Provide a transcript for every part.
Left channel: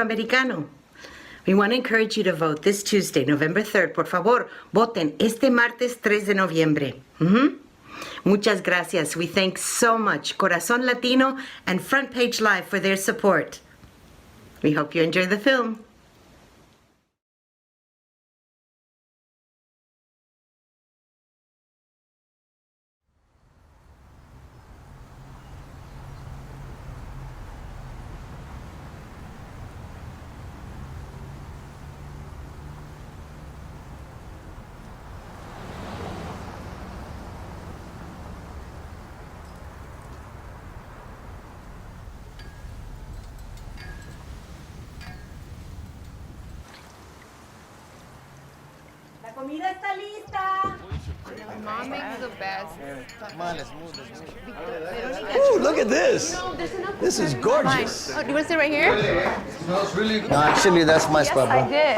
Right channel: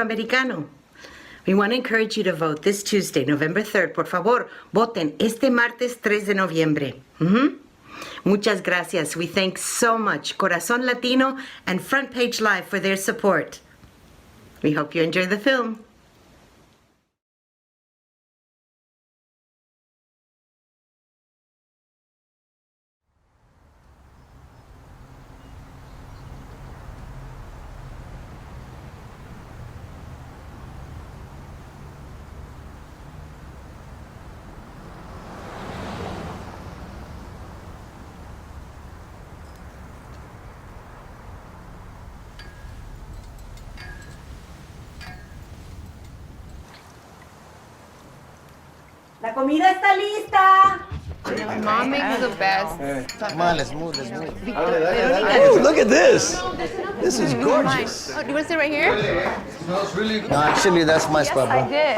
Americano. We want to encourage you to vote this Tuesday, November 3rd. Por favor, voten este martes 3 de noviembre. Muchas gracias. We thank so much Corazon Latino and Front Page Live for their support. We hope you enjoy the film. La comida está lista. Mom makes the best. Come on, let's move, let's move. Ooh, look at this. This is gorgeous. Oh, do you want to sit right here? Smells really good. No, actually, that's my spot, bro. I did.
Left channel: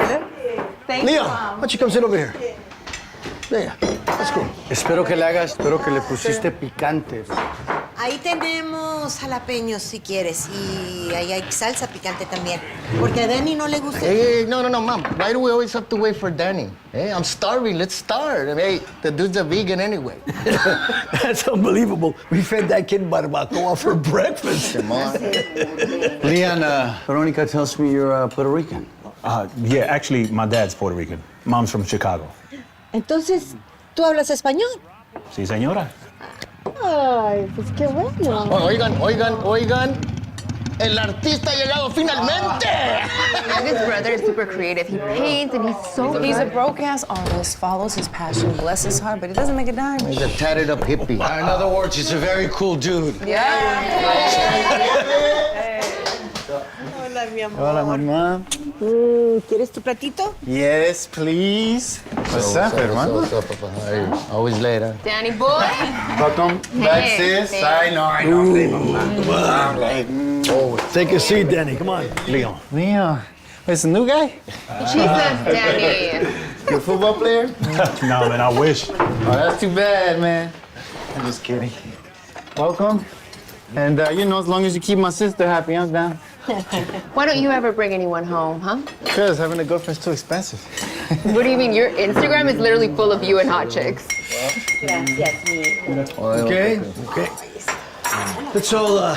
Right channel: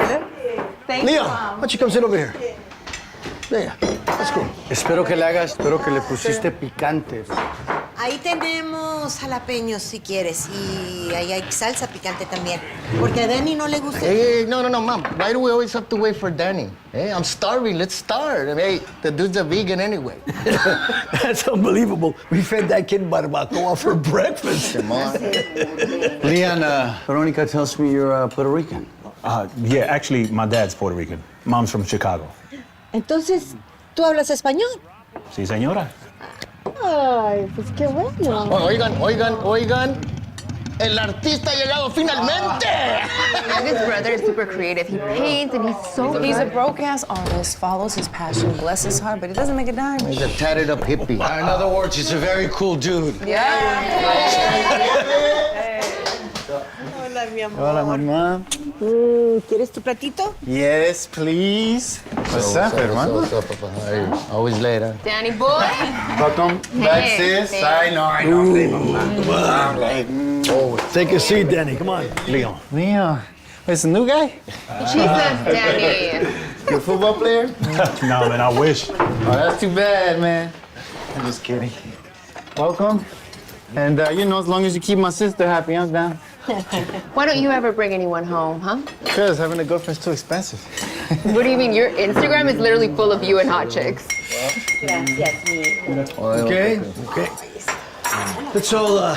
Thank Leon, you, why Mom. don't you come sit over here? There, let's go. Espero que le pusiste picante. Ahí tenemos jalapeños si quieres y ahí hay salsa picante también. Porque a Danny no le gusta. Hey, no, Mom. Why do we always have to wait for Danny? Hey, I'm starving. Let's start. I mean, hey, the dude's a vegan anyway. That's unbelievable. We fed that kid barbacoa for breakfast. Come on. Leon, Veronica tells me you're Puerto Rican. Yeah, actually, my dad's Puerto Rican. Mom's from Chicago. Entonces, ¿tú hablas español? Sí, señora. Ay, pues qué bueno. Oigan. El artista ha llegado finalmente. My youngest brother is super creative. He paints and he's so He's a good. broke-ass artist, follows his passion, bless his heart, but he doesn't make a dime. He's a tatted up hippie. In other words, he's a very cool dude. Hola, mi amor. Hola, mamá. ¿Quieres tu platito? Yes, please. What's up, hermano? What's up, Papa? How are you? Always late, huh? Danny boy. Welcome back, sis. Hey. I know. I'm late. Take a seat, Danny. Come on. Leon. Where's the new guy? She says Danny. You a football player? No, man, I wish. Oh, that's too bad, man. I'm just kidding. Welcome. And, as long as you keep my sister happy, I'm down. Why don't you ever bring anyone home, huh? Because having a girlfriend's too expensive. What do you mean? Your Instagram is literally full of you and hot chicks. Gracias, mi hijo. Okay. Let's all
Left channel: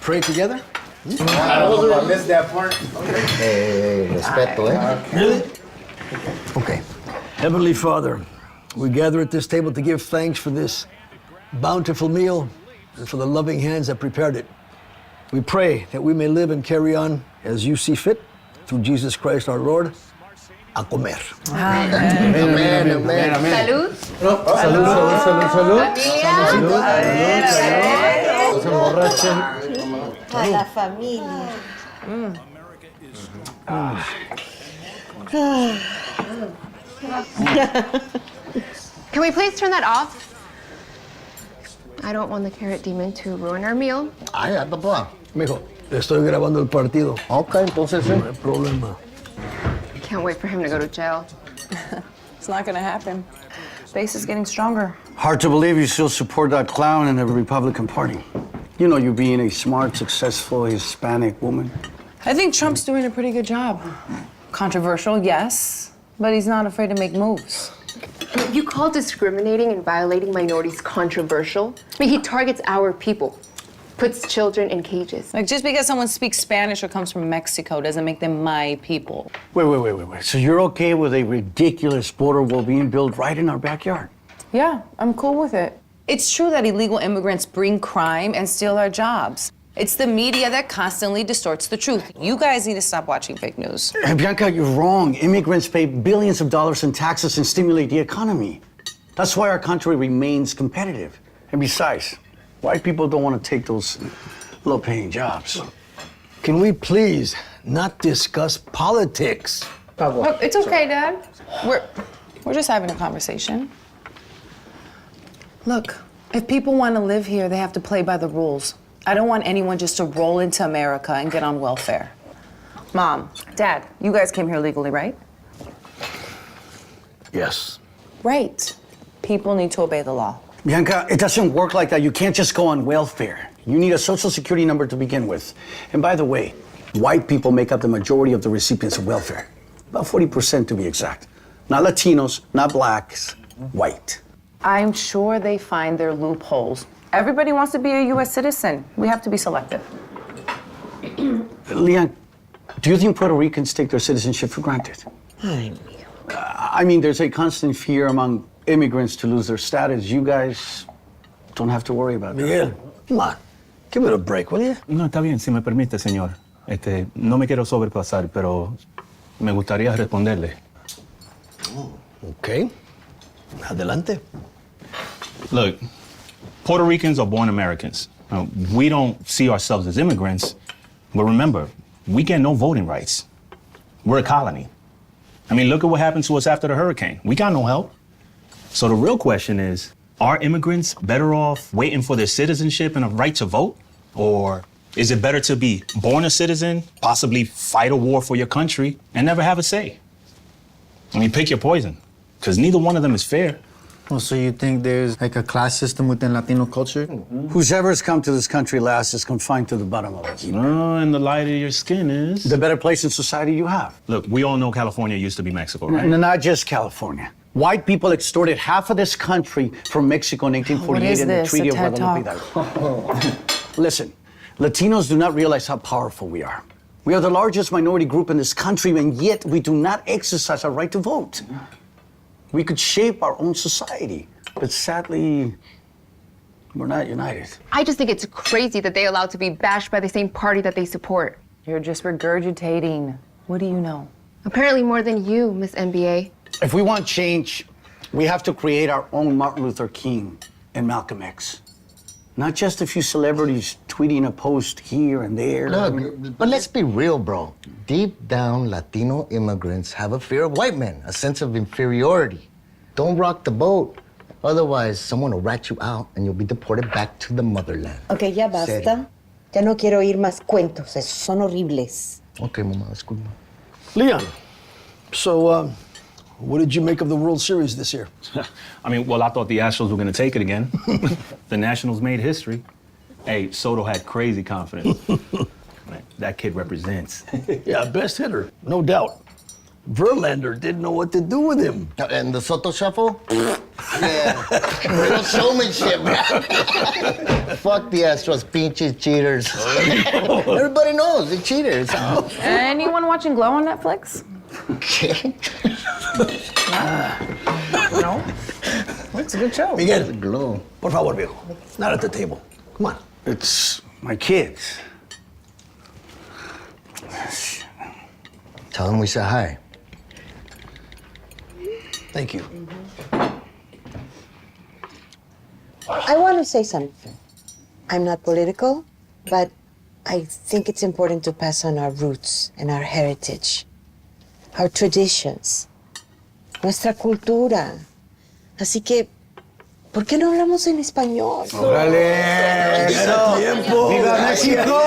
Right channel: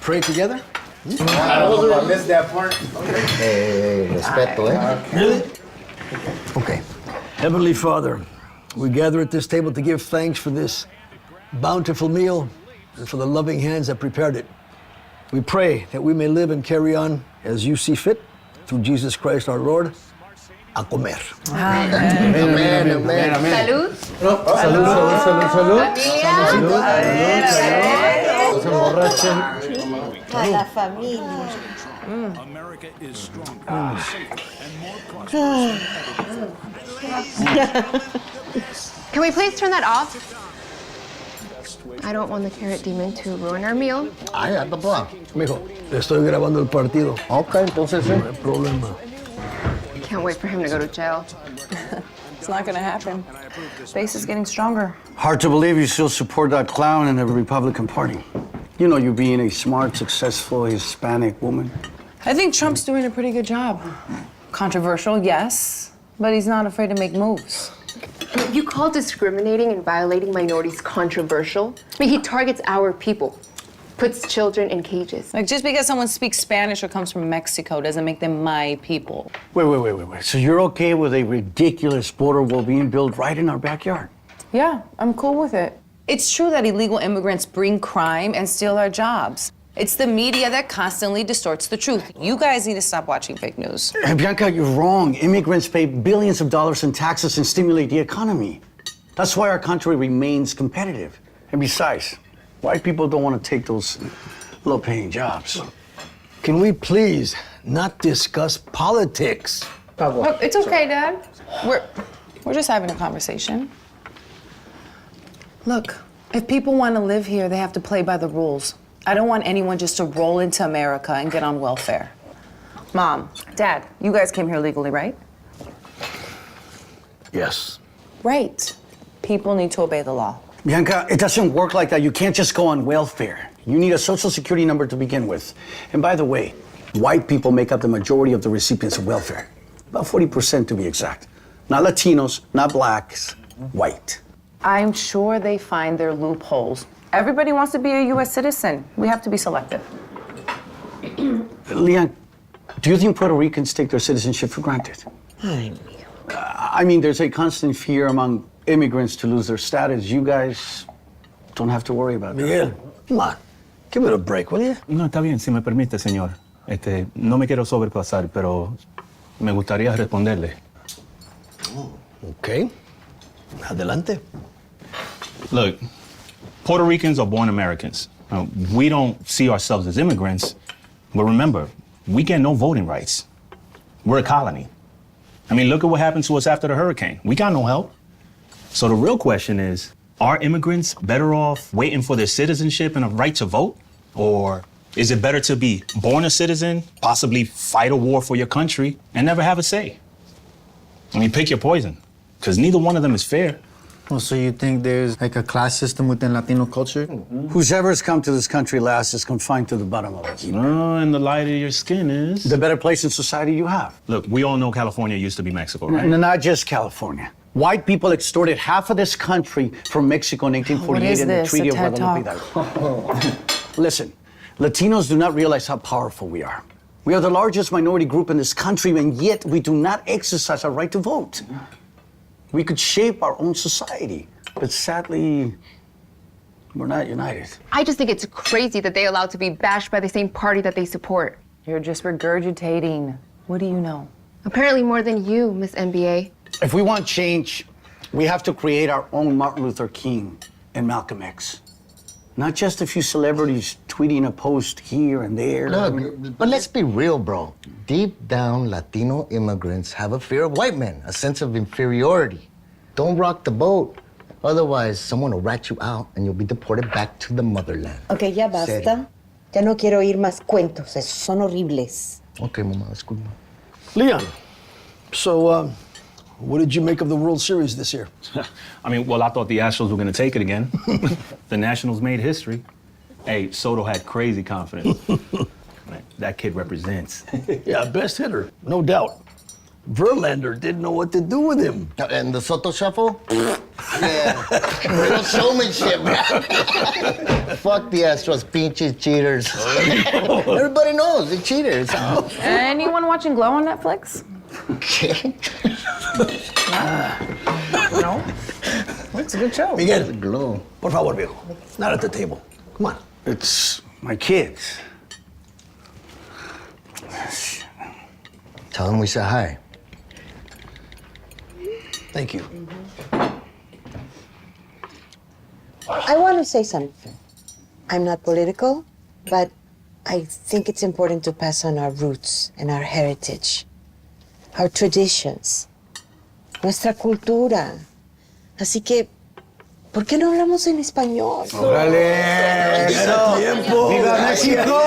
pray together. I missed that part. Hey, respeto, eh? Really? Okay. Heavenly Father, we gather at this table to give thanks for this bountiful meal and for the loving hands that prepared it. We pray that we may live and carry on as you see fit, through Jesus Christ our Lord. A comer. Amen. Salud. A la familia. Can we please turn that off? I don't want the carrot demon to ruin our meal. Ay, anda, pa. Mijo, estoy grabando el partido. Ok, entonces sí. No hay problema. Can't wait for him to go to jail. It's not gonna happen. Base is getting stronger. Hard to believe you still support that clown in the Republican Party. You know you being a smart, successful Hispanic woman. I think Trump's doing a pretty good job. Controversial, yes, but he's not afraid to make moves. If you call discriminating and violating minorities controversial, I mean, he targets our people, puts children in cages. Like, just because someone speaks Spanish or comes from Mexico doesn't make them my people. Wait. So you're okay with a ridiculous border wall being built right in our backyard? Yeah, I'm cool with it. It's true that illegal immigrants bring crime and steal our jobs. It's the media that constantly distorts the truth. You guys need to stop watching fake news. Bianca, you're wrong. Immigrants pay billions of dollars in taxes and stimulate the economy. That's why our country remains competitive. And besides, white people don't want to take those low-paying jobs. Can we please not discuss politics? Look, it's okay, Dad. We're just having a conversation. Look, if people want to live here, they have to play by the rules. I don't want anyone just to roll into America and get on welfare. Mom, Dad, you guys came here legally, right? Yes. Right. People need to obey the law. Bianca, it doesn't work like that. You can't just go on welfare. You need a social security number to begin with. And by the way, White people make up the majority of the recipients of welfare. About 40% to be exact. Not Latinos, not blacks, white. I'm sure they find their loopholes. Everybody wants to be a U.S. citizen. We have to be selective. Leon, do you think Puerto Ricans take their citizenship for granted? I mean, there's a constant fear among immigrants to lose their status. You guys don't have to worry about that. Miguel, come on. Give it a break, will you? No, está bien, si me permite, señor. No me quiero sobrepasar, pero me gustaría responderle. Okay. Adelante. Look, Puerto Ricans are born Americans. We don't see ourselves as immigrants, but remember, we get no voting rights. We're a colony. I mean, look at what happened to us after the hurricane. We got no help. So the real question is, are immigrants better off waiting for their citizenship and a right to vote? Or is it better to be born a citizen, possibly fight a war for your country, and never have a say? I mean, pick your poison, because neither one of them is fair. Oh, so you think there's like a class system within Latino culture? Whoever's come to this country last is confined to the bottom of it. And the lighter your skin is, The better place in society you have. Look, we all know California used to be Mexico, right? Not just California. White people extorted half of this country from Mexico in 1848 What is in the this, Treaty a of TED Guadalupe Talk? Hidalgo. Listen, Latinos do not realize how powerful we are. We are the largest minority group in this country, and yet we do not exercise our right to vote. We could shape our own society, but sadly, we're not united. I just think it's crazy that they allowed to be bashed by the same party that they support. You're just regurgitating. What do you know? Apparently more than you, Miss NBA. If we want change, we have to create our own Martin Luther King and Malcolm X. Not just a few celebrities tweeting a post here and there. Look, but let's be real, bro. Deep down, Latino immigrants have a fear of white men, a sense of inferiority. Don't rock the boat. Otherwise, someone will rat you out and you'll be deported back to the motherland. Ok, ya basta. Ya no quiero oír más cuentos. Esos son horribles. Okay, mamá, disculpa. Leon, so, what did you make of the World Series this year? I mean, well, I thought the Astros were going to take it again. The Nationals made history. Hey, Soto had crazy confidence. Man, that kid represents. Yeah, best hitter, no doubt. Verlander didn't know what to do with him. And the Soto Shuffle? Yeah. Real showmanship, man. Fuck the Astros, pinches cheaters. Everybody knows they're cheaters. Anyone watching Glow on Netflix? Okay. No? It's a good show. Miguel, Glow. por favor, viejo. Not at the table. Come on. It's my kids. Tell them we said hi. Thank you. I want to say something. I'm not political, but I think it's important to pass on our roots and our heritage, our traditions, nuestra cultura. Así que, ¿por qué no hablamos en español? ¡Órale! ¡Tiempo! ¡Viva México!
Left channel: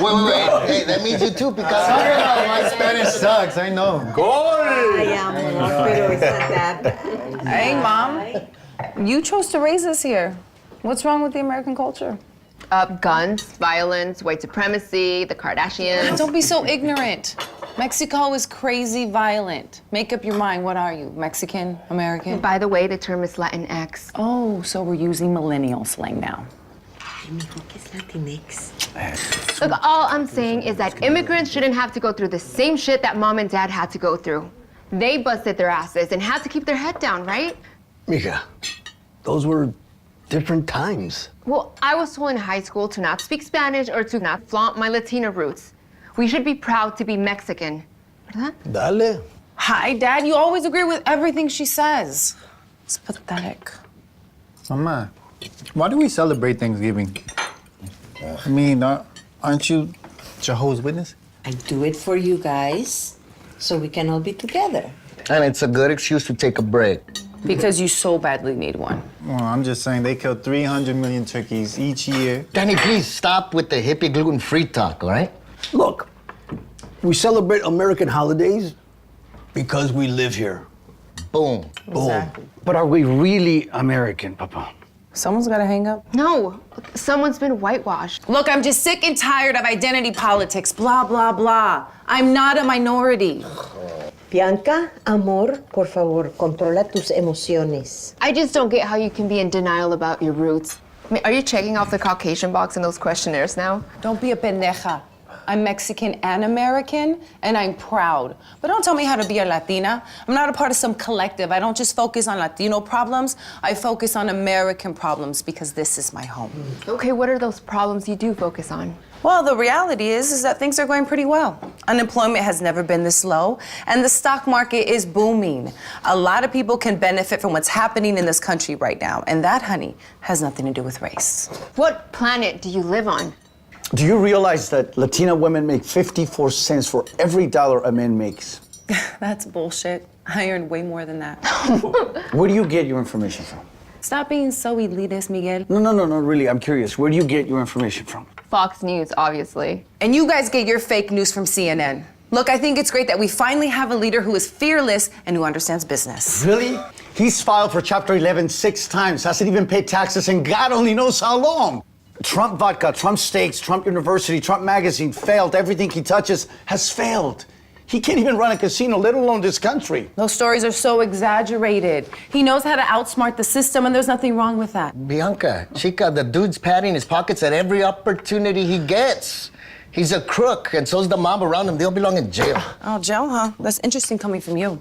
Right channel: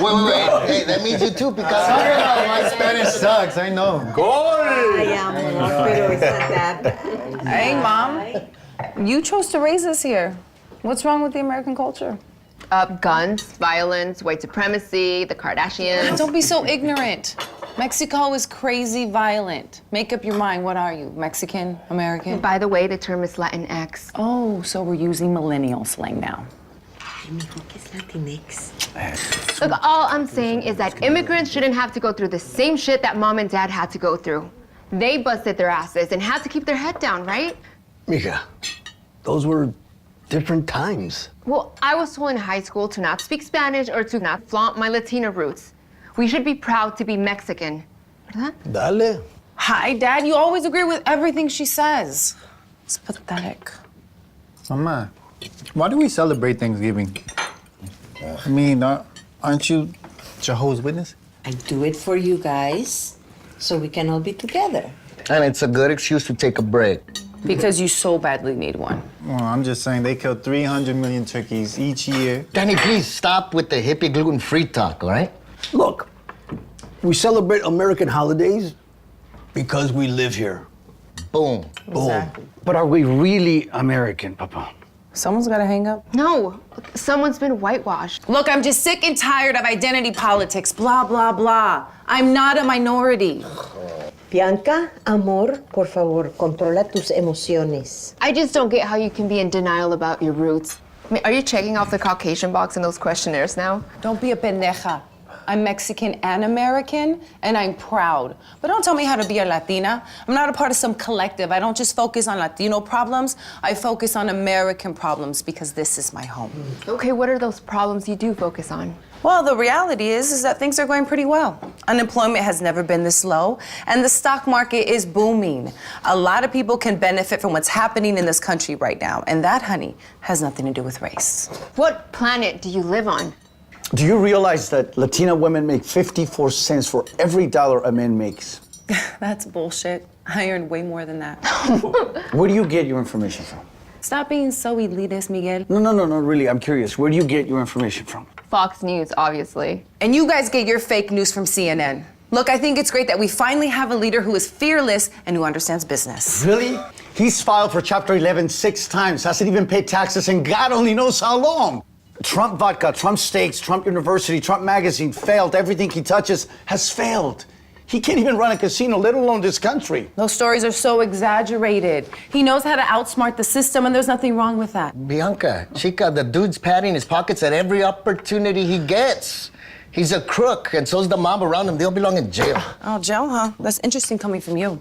Wait. Hey, that means you too, because My Spanish sucks, I know. Ay, amor, pero it's not that bad. Hey, Mom. You chose to raise us here. What's wrong with the American culture? Guns, violence, white supremacy, the Kardashians. Don't be so ignorant. Mexico is crazy violent. Make up your mind. What are you? Mexican? American? By the way, the term is Latinx. Oh, so we're using millennial slang now. Look, all I'm saying is that immigrants shouldn't have to go through the same shit that mom and dad had to go through. They busted their asses and had to keep their head down, right? Mija, those were different times. Well, I was told in high school to not speak Spanish or to not flaunt my Latina roots. We should be proud to be Mexican. ¿Verdad? Dale. Hi, Dad. You always agree with everything she says. It's pathetic. Mama, why do we celebrate Thanksgiving? I mean, aren't you Jehovah's Witness? I do it for you guys, so we can all be together. And it's a good excuse to take a break. Because you so badly need one. Well, I'm just saying they kill 300 million turkeys each year. Danny, please stop with the hippie gluten-free talk, all right? Look, we celebrate American holidays because we live here. Boom. Boom. But are we really American, Papa? Someone's gotta hang up. No, someone's been whitewashed. Look, I'm just sick and tired of identity politics, blah, blah, blah. I'm not a minority. Bianca, amor, por favor, controla tus emociones. I just don't get how you can be in denial about your roots. I mean, are you checking off the Caucasian box in those questionnaires now? Don't be a pendeja. I'm Mexican and American, and I'm proud. But don't tell me how to be a Latina. I'm not a part of some collective. I don't just focus on Latino problems. I focus on American problems because this is my home. Okay, what are those problems you do focus on? Well, the reality is that things are going pretty well. Unemployment has never been this low, and the stock market is booming. A lot of people can benefit from what's happening in this country right now, and that, honey, has nothing to do with race. What planet do you live on? Do you realize that Latina women make 54 cents for every dollar a man makes? That's bullshit. I earn way more than that. Where do you get your information from? Stop being so elitist, Miguel. No, really, I'm curious. Where do you get your information from? Fox News, obviously. And you guys get your fake news from CNN. Look, I think it's great that we finally have a leader who is fearless and who understands business. Really? He's filed for Chapter 11 6 times, hasn't even paid taxes, and God only knows how long. Trump vodka, Trump steaks, Trump University, Trump magazine failed. Everything he touches has failed. He can't even run a casino, let alone this country. Those stories are so exaggerated. He knows how to outsmart the system, and there's nothing wrong with that. Bianca, chica, the dude's padding his pockets at every opportunity he gets. He's a crook, and so's the mob around him. They'll belong in jail. Oh, Joe, huh? That's interesting coming from you.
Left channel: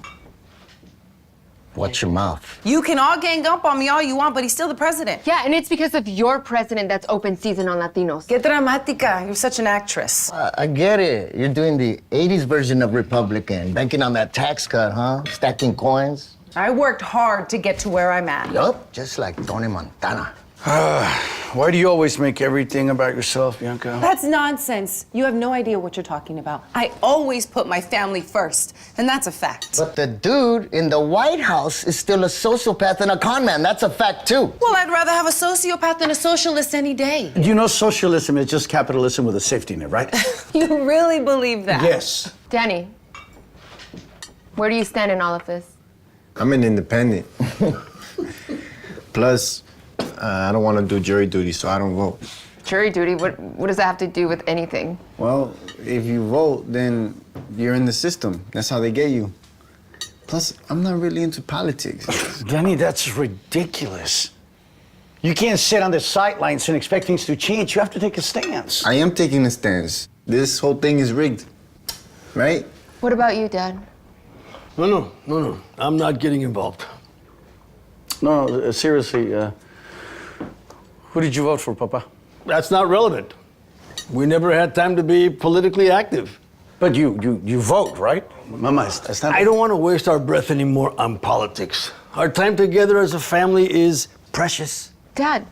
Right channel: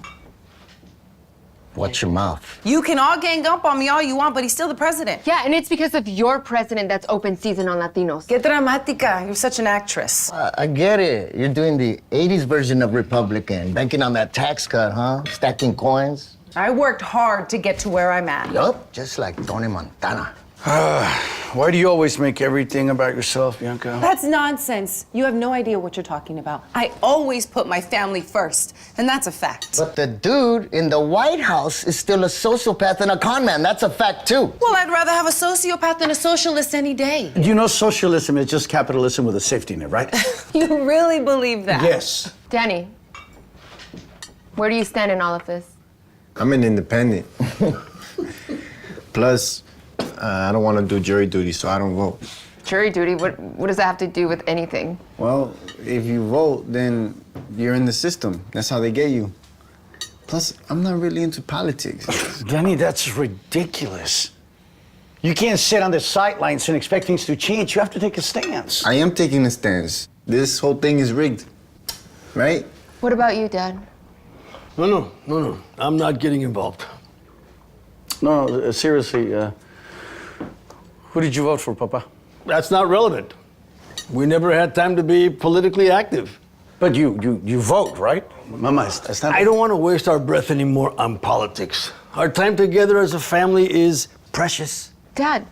Watch your mouth. You can all gang up on me all you want, but he's still the president. Yeah, and it's because of your president that's open season on Latinos. Que dramática. You're such an actress. I get it. You're doing the 80s version of Republican, banking on that tax cut, huh? Stacking coins. I worked hard to get to where I'm at. Yup, just like Tony Montana. Why do you always make everything about yourself, Bianca? That's nonsense. You have no idea what you're talking about. I always put my family first, and that's a fact. But the dude in the White House is still a sociopath and a con man. That's a fact, too. Well, I'd rather have a sociopath than a socialist any day. You know socialism is just capitalism with a safety net, right? You really believe that? Yes. Danny, where do you stand in all of this? I'm an independent. Plus, I don't want to do jury duty, so I don't vote. Jury duty? What does that have to do with anything? Well, if you vote, then you're in the system. That's how they get you. Plus, I'm not really into politics. Danny, that's ridiculous. You can't sit on the sidelines and expect things to change. You have to take a stance. I am taking a stance. This whole thing is rigged, right? What about you, Dad? No. I'm not getting involved. No, seriously, who did you vote for, Papa? That's not relevant. We never had time to be politically active. But you vote, right? Mama, it's not... I don't want to waste our breath anymore on politics. Our time together as a family is precious. Dad,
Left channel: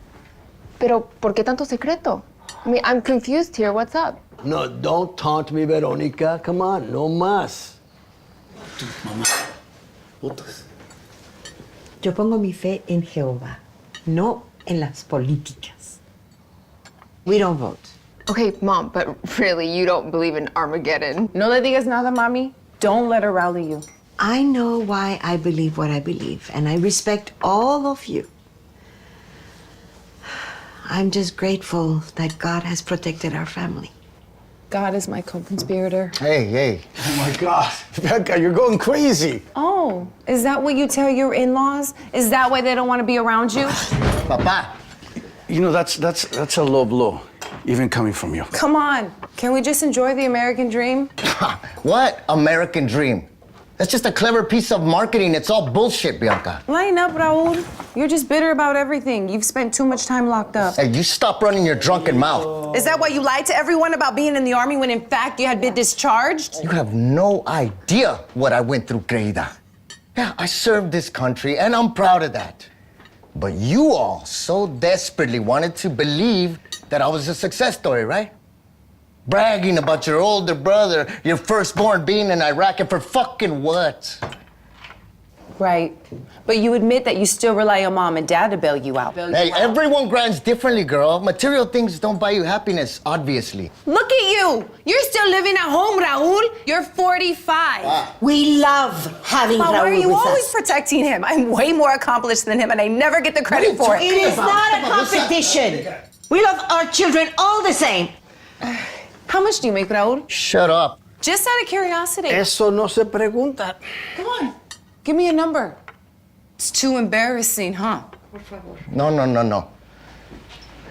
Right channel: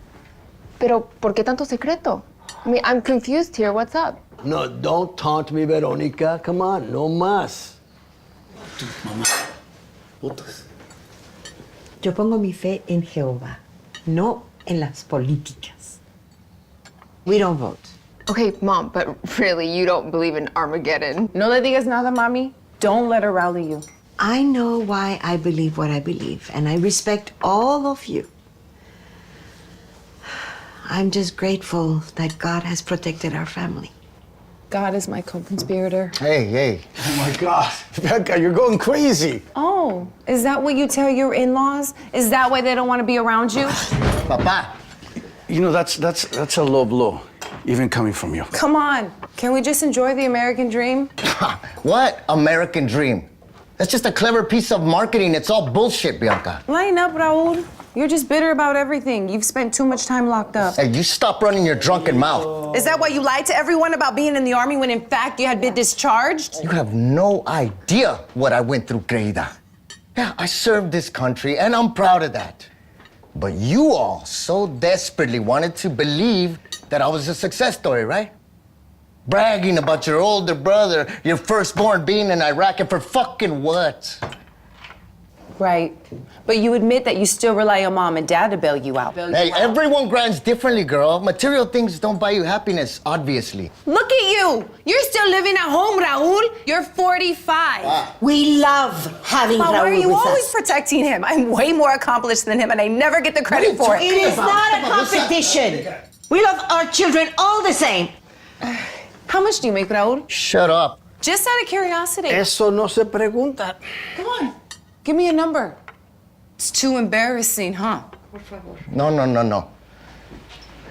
pero ¿por qué tanto secreto? I mean, I'm confused here. What's up? No, don't taunt me, Veronica. Come on, no más. Mamá, votas. Yo pongo mi fe en Jehová, no en las políticas. We don't vote. Okay, Mom, but really, you don't believe in Armageddon. No le digas nada, Mami. Don't let her rally you. I know why I believe what I believe, and I respect all of you. I'm just grateful that God has protected our family. God is my co-conspirator. Hey. Oh, my God. Bianca, you're going crazy. Oh, is that what you tell your in-laws? Is that why they don't want to be around you? Papa. You know, that's a low blow, even coming from you. Come on. Can we just enjoy the American dream? What American dream? That's just a clever piece of marketing. It's all bullshit, Bianca. Line up, Raul. You're just bitter about everything. You've spent too much time locked up. Hey, you stop running your drunken mouth. Is that why you lied to everyone about being in the army when in fact you had been discharged? You have no idea what I went through, querida. Yeah, I served this country, and I'm proud of that. But you all so desperately wanted to believe that I was a success story, right? Bragging about your older brother, your firstborn being in Iraq, and for fucking what? Right. But you admit that you still rely on mom and dad to bail you out. Hey, everyone grinds differently, girl. Material things don't buy you happiness, obviously. Look at you. You're still living at home, Raul. You're 45. We love having But why are Raul you with always us. protecting him? I'm way more accomplished than him, and I never get the credit for it. It is not a competition. We love our children all the same. How much do you make, Raul? Shut up. Just out of curiosity. Eso no se pregunta. Come on. Give me a number. It's too embarrassing, huh? No.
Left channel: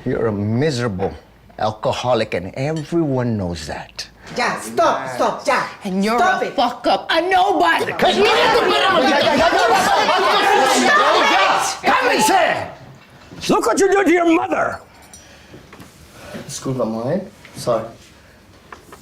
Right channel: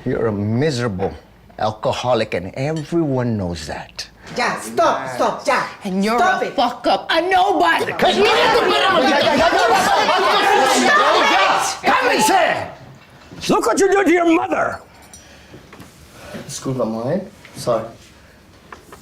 You're a miserable alcoholic, and everyone knows that. Ya, stop, ya. And you're Stop a it. fuck up, a nobody. Cálmense! Look what you did to your mother! Disculpa, mine. Sorry.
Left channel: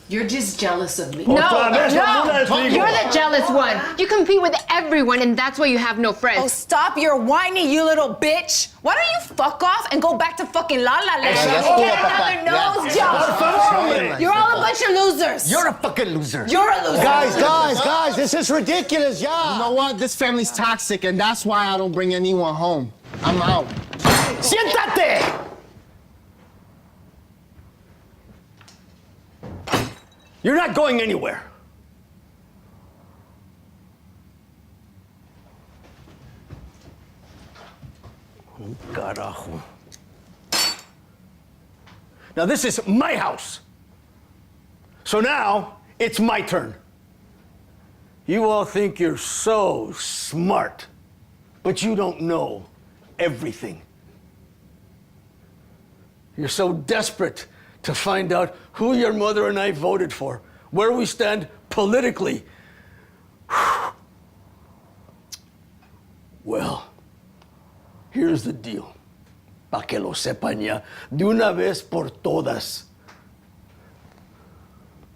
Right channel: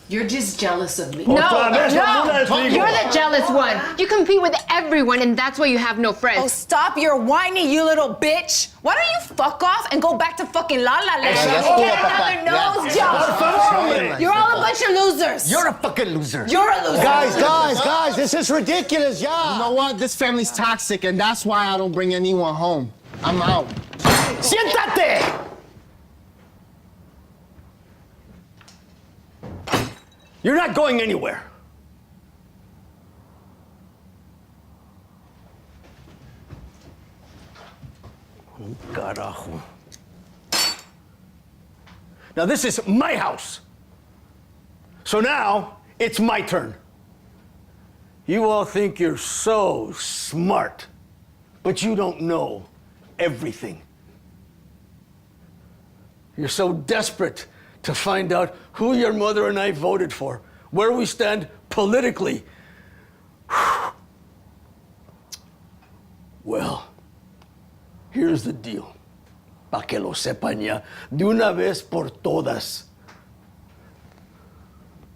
You're just jealous of me. Otra vez, no, You're the jealous one. You compete with everyone, and that's why you have no Oh, friends. stop your whining, you little bitch. Why don't you fuck off and go back to fucking La La Land ya and estuvo, get papá. another nose job? You're all a bunch of losers. You're a fucking loser. You're a loser. Guys, this is ridiculous, yeah. You know what? This family's toxic, and that's why I don't bring anyone home. I'm out. Siéntate! You're not going anywhere. Carajo. Now, this is my house. So now, it's my turn. You all think you're so smart, but you don't know everything. You're so desperate to find out who your mother and I voted for, where we stand politically. Well, here's the deal. Pa' que lo sepan ya, de una vez por todas.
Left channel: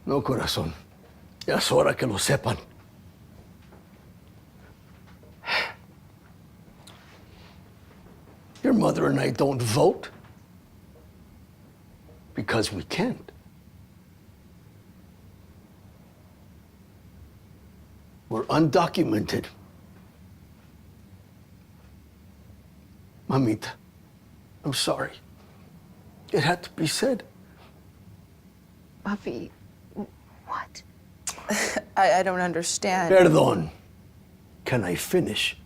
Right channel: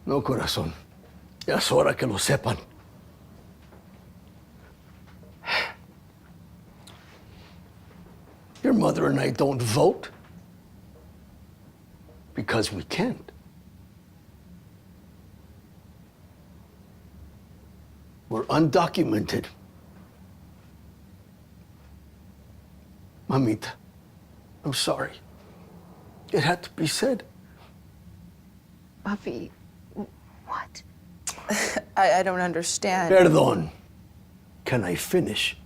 No, corazón. Ya es hora que lo sepan. Your mother and I don't vote because we can't. We're undocumented. Mamita, I'm sorry. It had to be said. Papi, what? I don't understand. Perdón. Can I finish?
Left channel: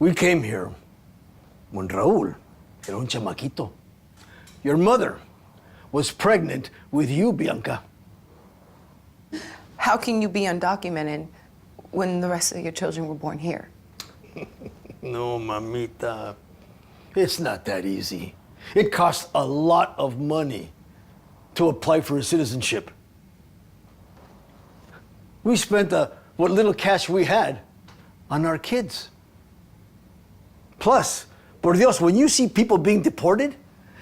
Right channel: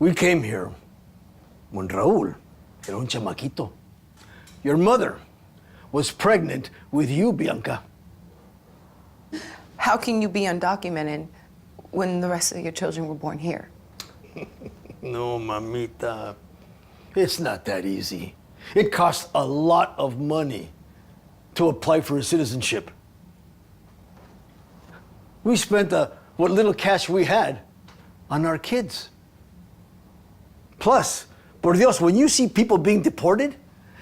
We came here when Raul era un chamaquito. Your mother was pregnant with you, Bianca. How can you be undocumented when the rest of your children were born here? No, mamita. It's not that easy. It costs a lot of money to apply for a citizenship. We spent what little cash we had on our kids. Plus, por Dios, when you see people being deported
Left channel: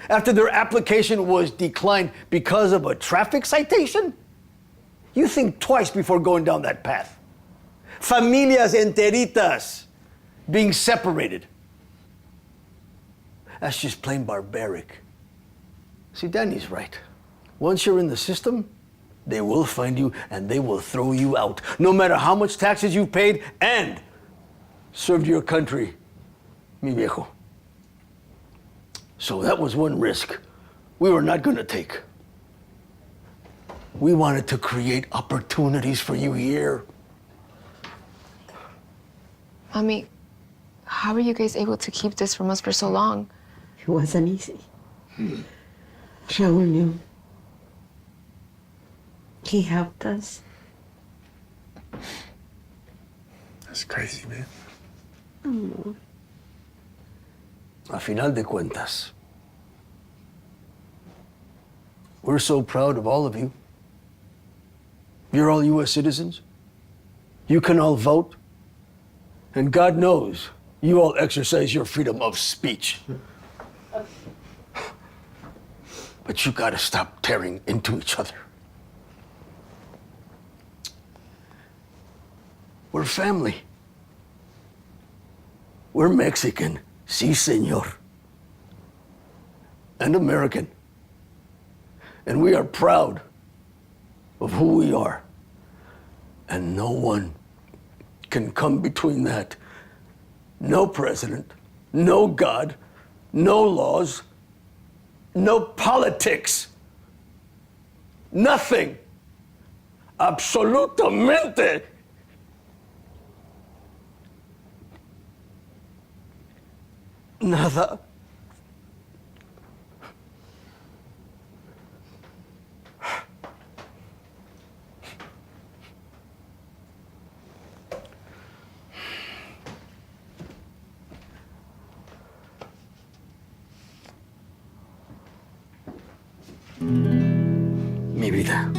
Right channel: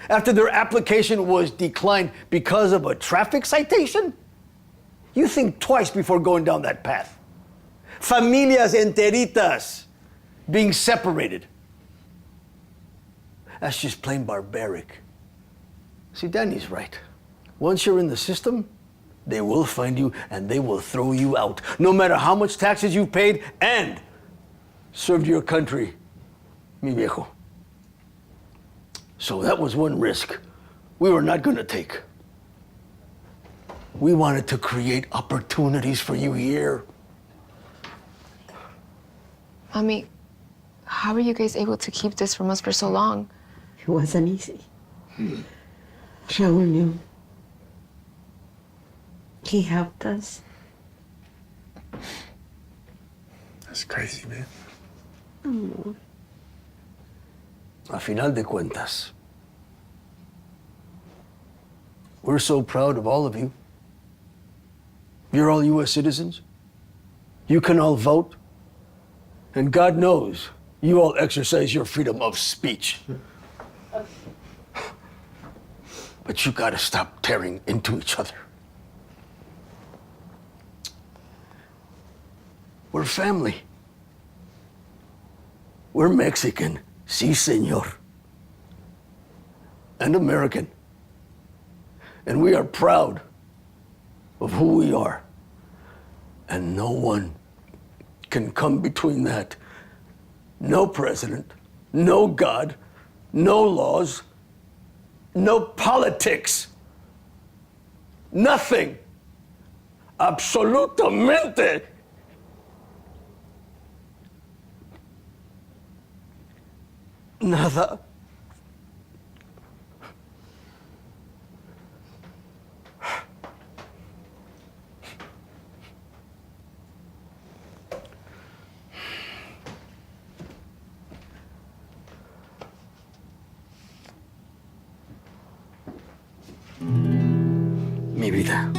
after their application was declined because of a traffic citation, you think twice before going down that path. Familias enteritas being separated. That's just plain barbaric. See, Danny's right. Once you're in the system, they will find you and they will throw you out, no matter how much taxes you've paid and served your country, mi viejo. So that was one risk we were not gonna take. We wanted to create opportunities for you here. Mommy, how were you guys able to keep this from us for so long? It wasn't easy. Raul knew. He helped us. That's crazy, man. A final de cuentas, we're so proud of all of you. You're all U.S. citizens. You can all vote. And God knows you all exercise your freedom of speech. But you gotta stop tearing into each other. We're family. We're Mexican, sí, señor. And American. And we are proud of who we are. And no one can come between that? No president, no God, no laws, no politics. Nothing. Absolutamente. Nada. Mi vida.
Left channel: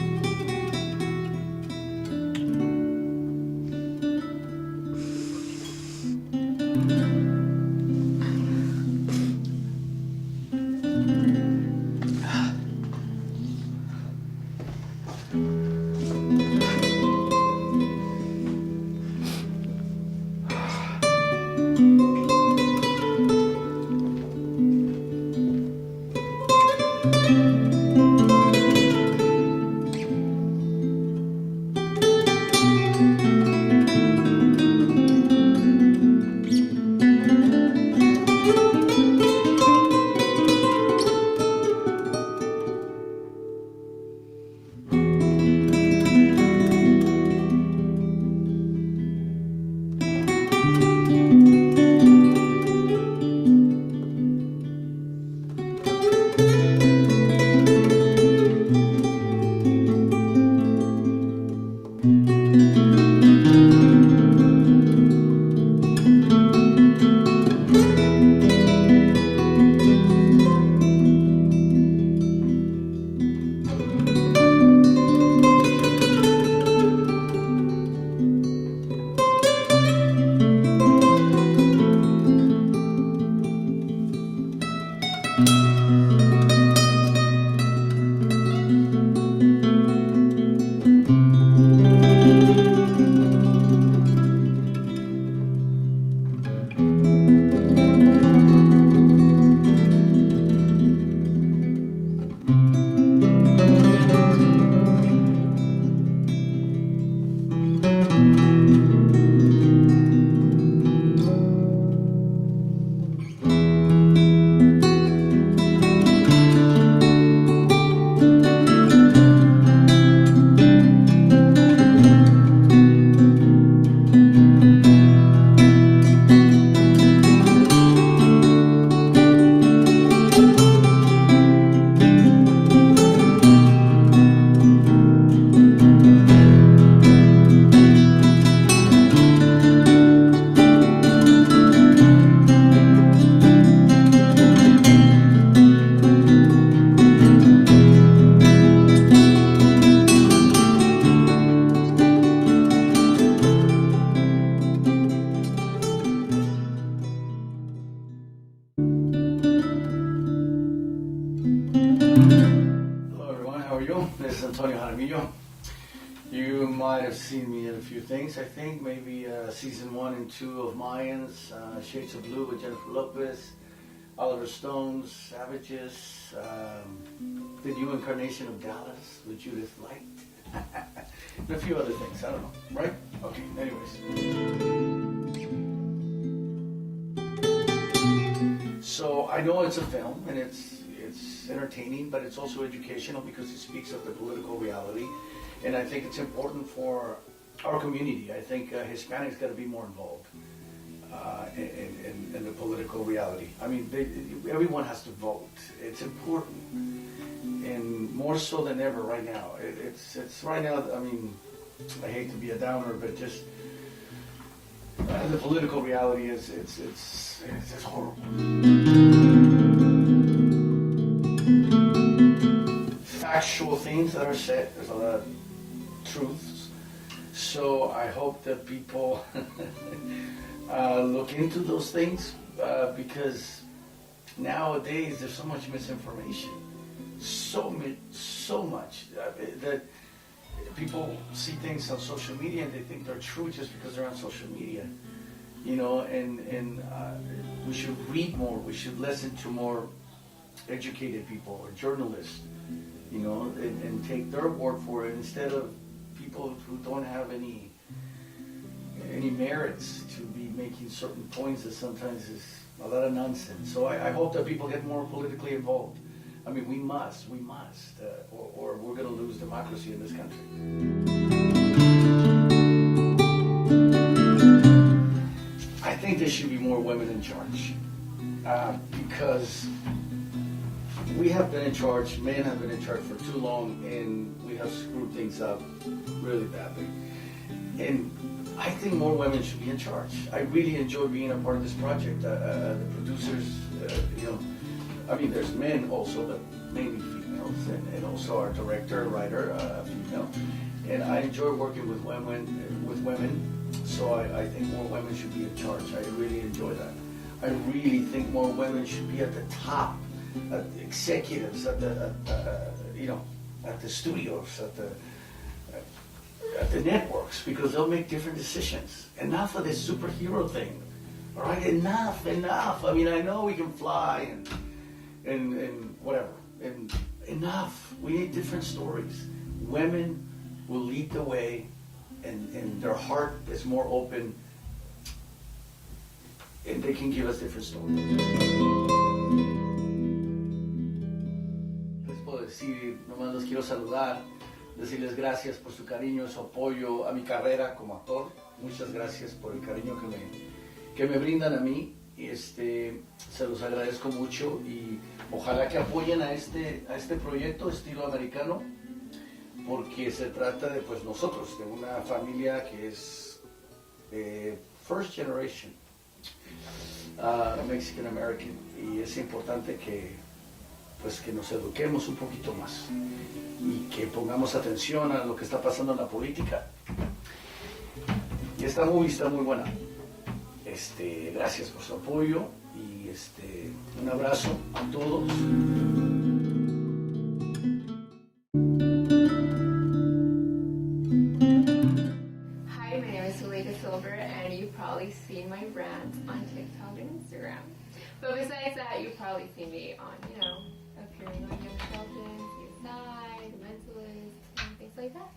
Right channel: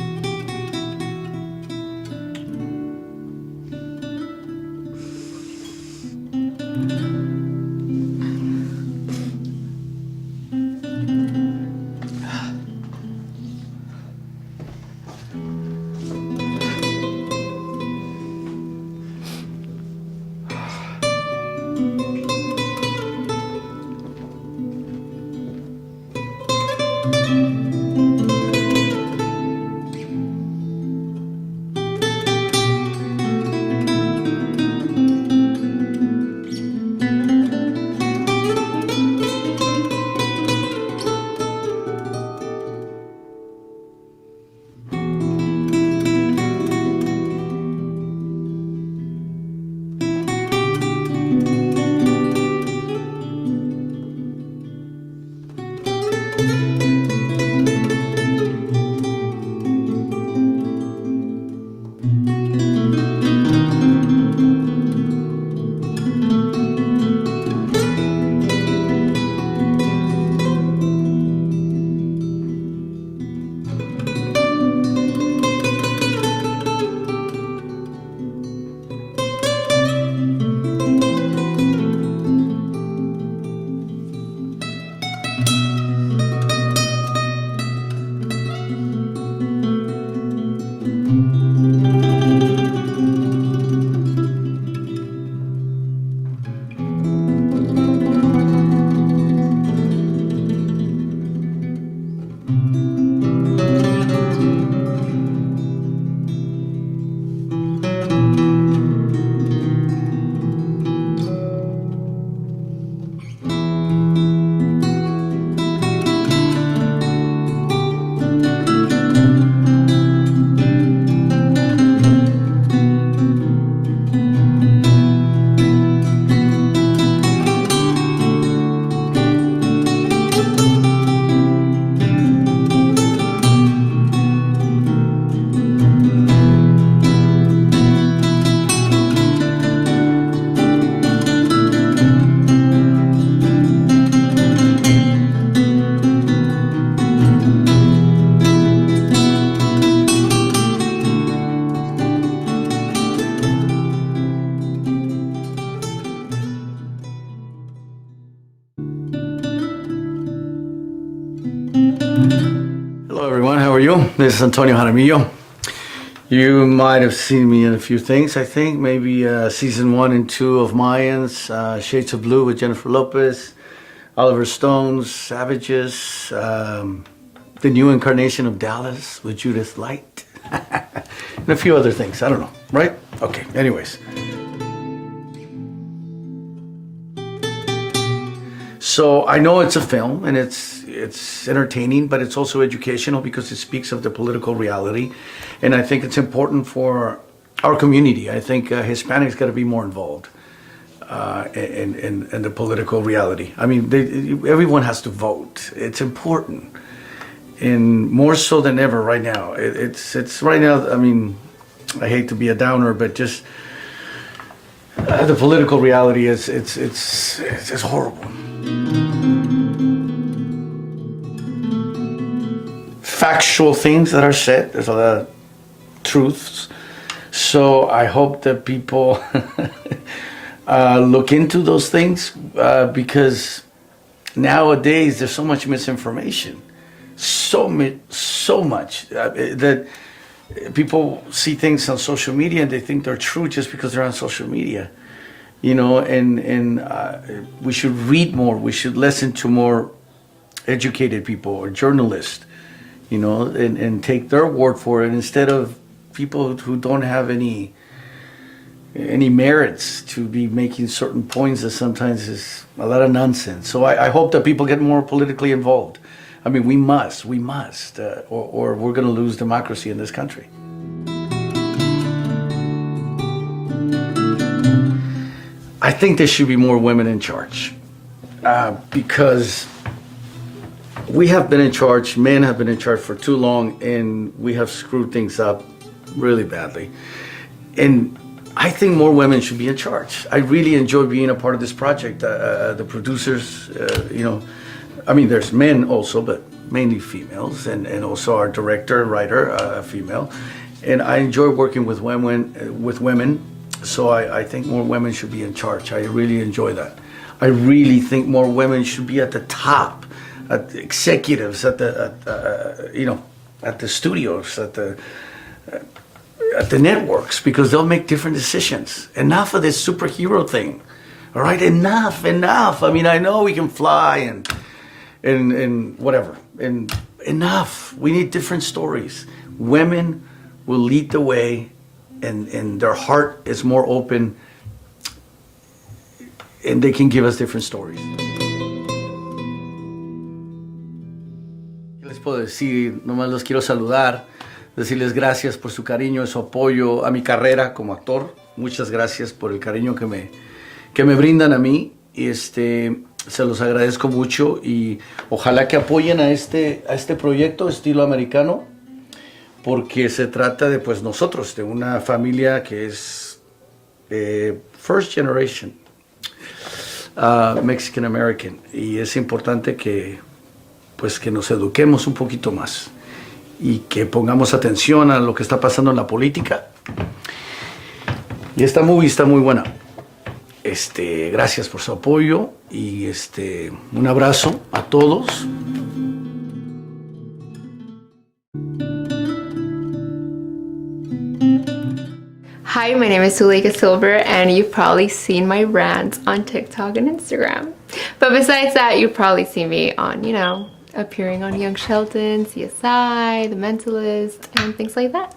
Hello, everyone. How are you? This is Antonio Jaramillo. You might have seen me in a few things, I think. Maybe season 1 and 2 of Mayans, Shades of Blue with Jennifer Lopez, Oliver Stone's Savages, the new incarnation of Dallas with Judith Light, and a few other things. I don't know, right? Okay, anyways. So I know it's a film and it's entertaining, but it's also educational because it speaks of the political reality. And I think it's important for our community. I think Hispanics got to be more involved in the political reality. I mean, everyone has to vote. It's important, and more so than ever right now. It's right now. I mean, I hate to be a downer, but just the political reality is it's horrible. Factual things that are said. There's a lot of truths. So I hope that people look into those things because nowadays there's so much misinformation, so much that people see things on social media and they think they're true just because they're on social media, you know. And we should read more. We should listen to more educated people or journalists, you know, and take their word for it instead of people who don't have any any merits to be making certain points that sometimes is a lot of nonsense. So I hope that people get more politically involved. I mean, we must, or we're going to lose democracy in this country. I think there should be more women in charge because we have been in charge, men have been in charge for too long, and we have screwed things up really badly. And I think more women should be in charge. I really enjoy being a part of this project. The producers, I mean, there's men also, but mainly females, and also our director, writer, female. And I enjoy working with women. So I think more women should be in charge. I really enjoy that. I really think more women should be at the top, at the executives, at the studios, at the networks, because they'll make different decisions. Enough of this superhero thing, all right? Enough. I mean, I know we can fly and whatever, and enough. We need different stories. Women will lead the way, and their heart is more open, and they can give us different stories. ¿Qué les puedo decir? Nomás los quiero saludar, decirles gracias por su cariño y su apoyo a mi carrera como actor. Muchas gracias por el cariño que me brindan a mí. Y se los agradezco mucho, y ojalá que apoyen a este proyecto Estilo Americano, porque se trata de nosotros, de una familia que es first generation Mexican American, y es importante que nos eduquemos un poquito más y que pongamos atención a lo que está pasando en la política. Y esta movie está muy buena. Gracias por su apoyo, y un abrazo a todos. Hi, my name is Zuleyka Silver, and you've probably seen my rants on TikTok and Instagram. But besides that, you've probably seen me on, appearing on Young Sheldon, CSI, The Mentalist, and things like that.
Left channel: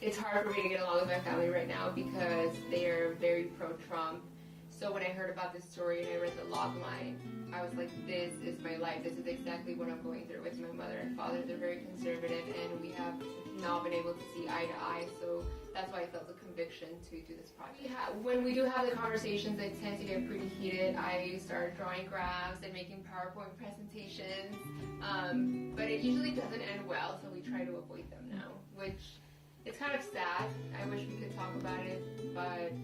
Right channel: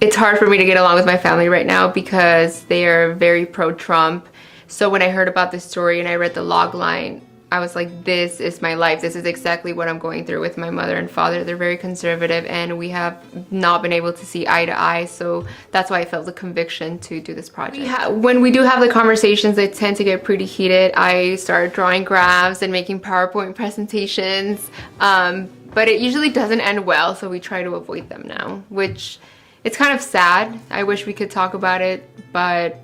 It's hard for me to get along with my family right now because they are very pro-Trump. So when I heard about this story and I read the log line, I was like, this is my life. This is exactly what I'm going through with my mother and father. They're very conservative, and we have not been able to see eye to eye. So that's why I felt the conviction to do this project. When we do have the conversations, they tend to get pretty heated. I start drawing graphs and making PowerPoint presentations, but it usually doesn't end well. So we try to avoid them now, which it's kind of sad. I wish we could talk about it, but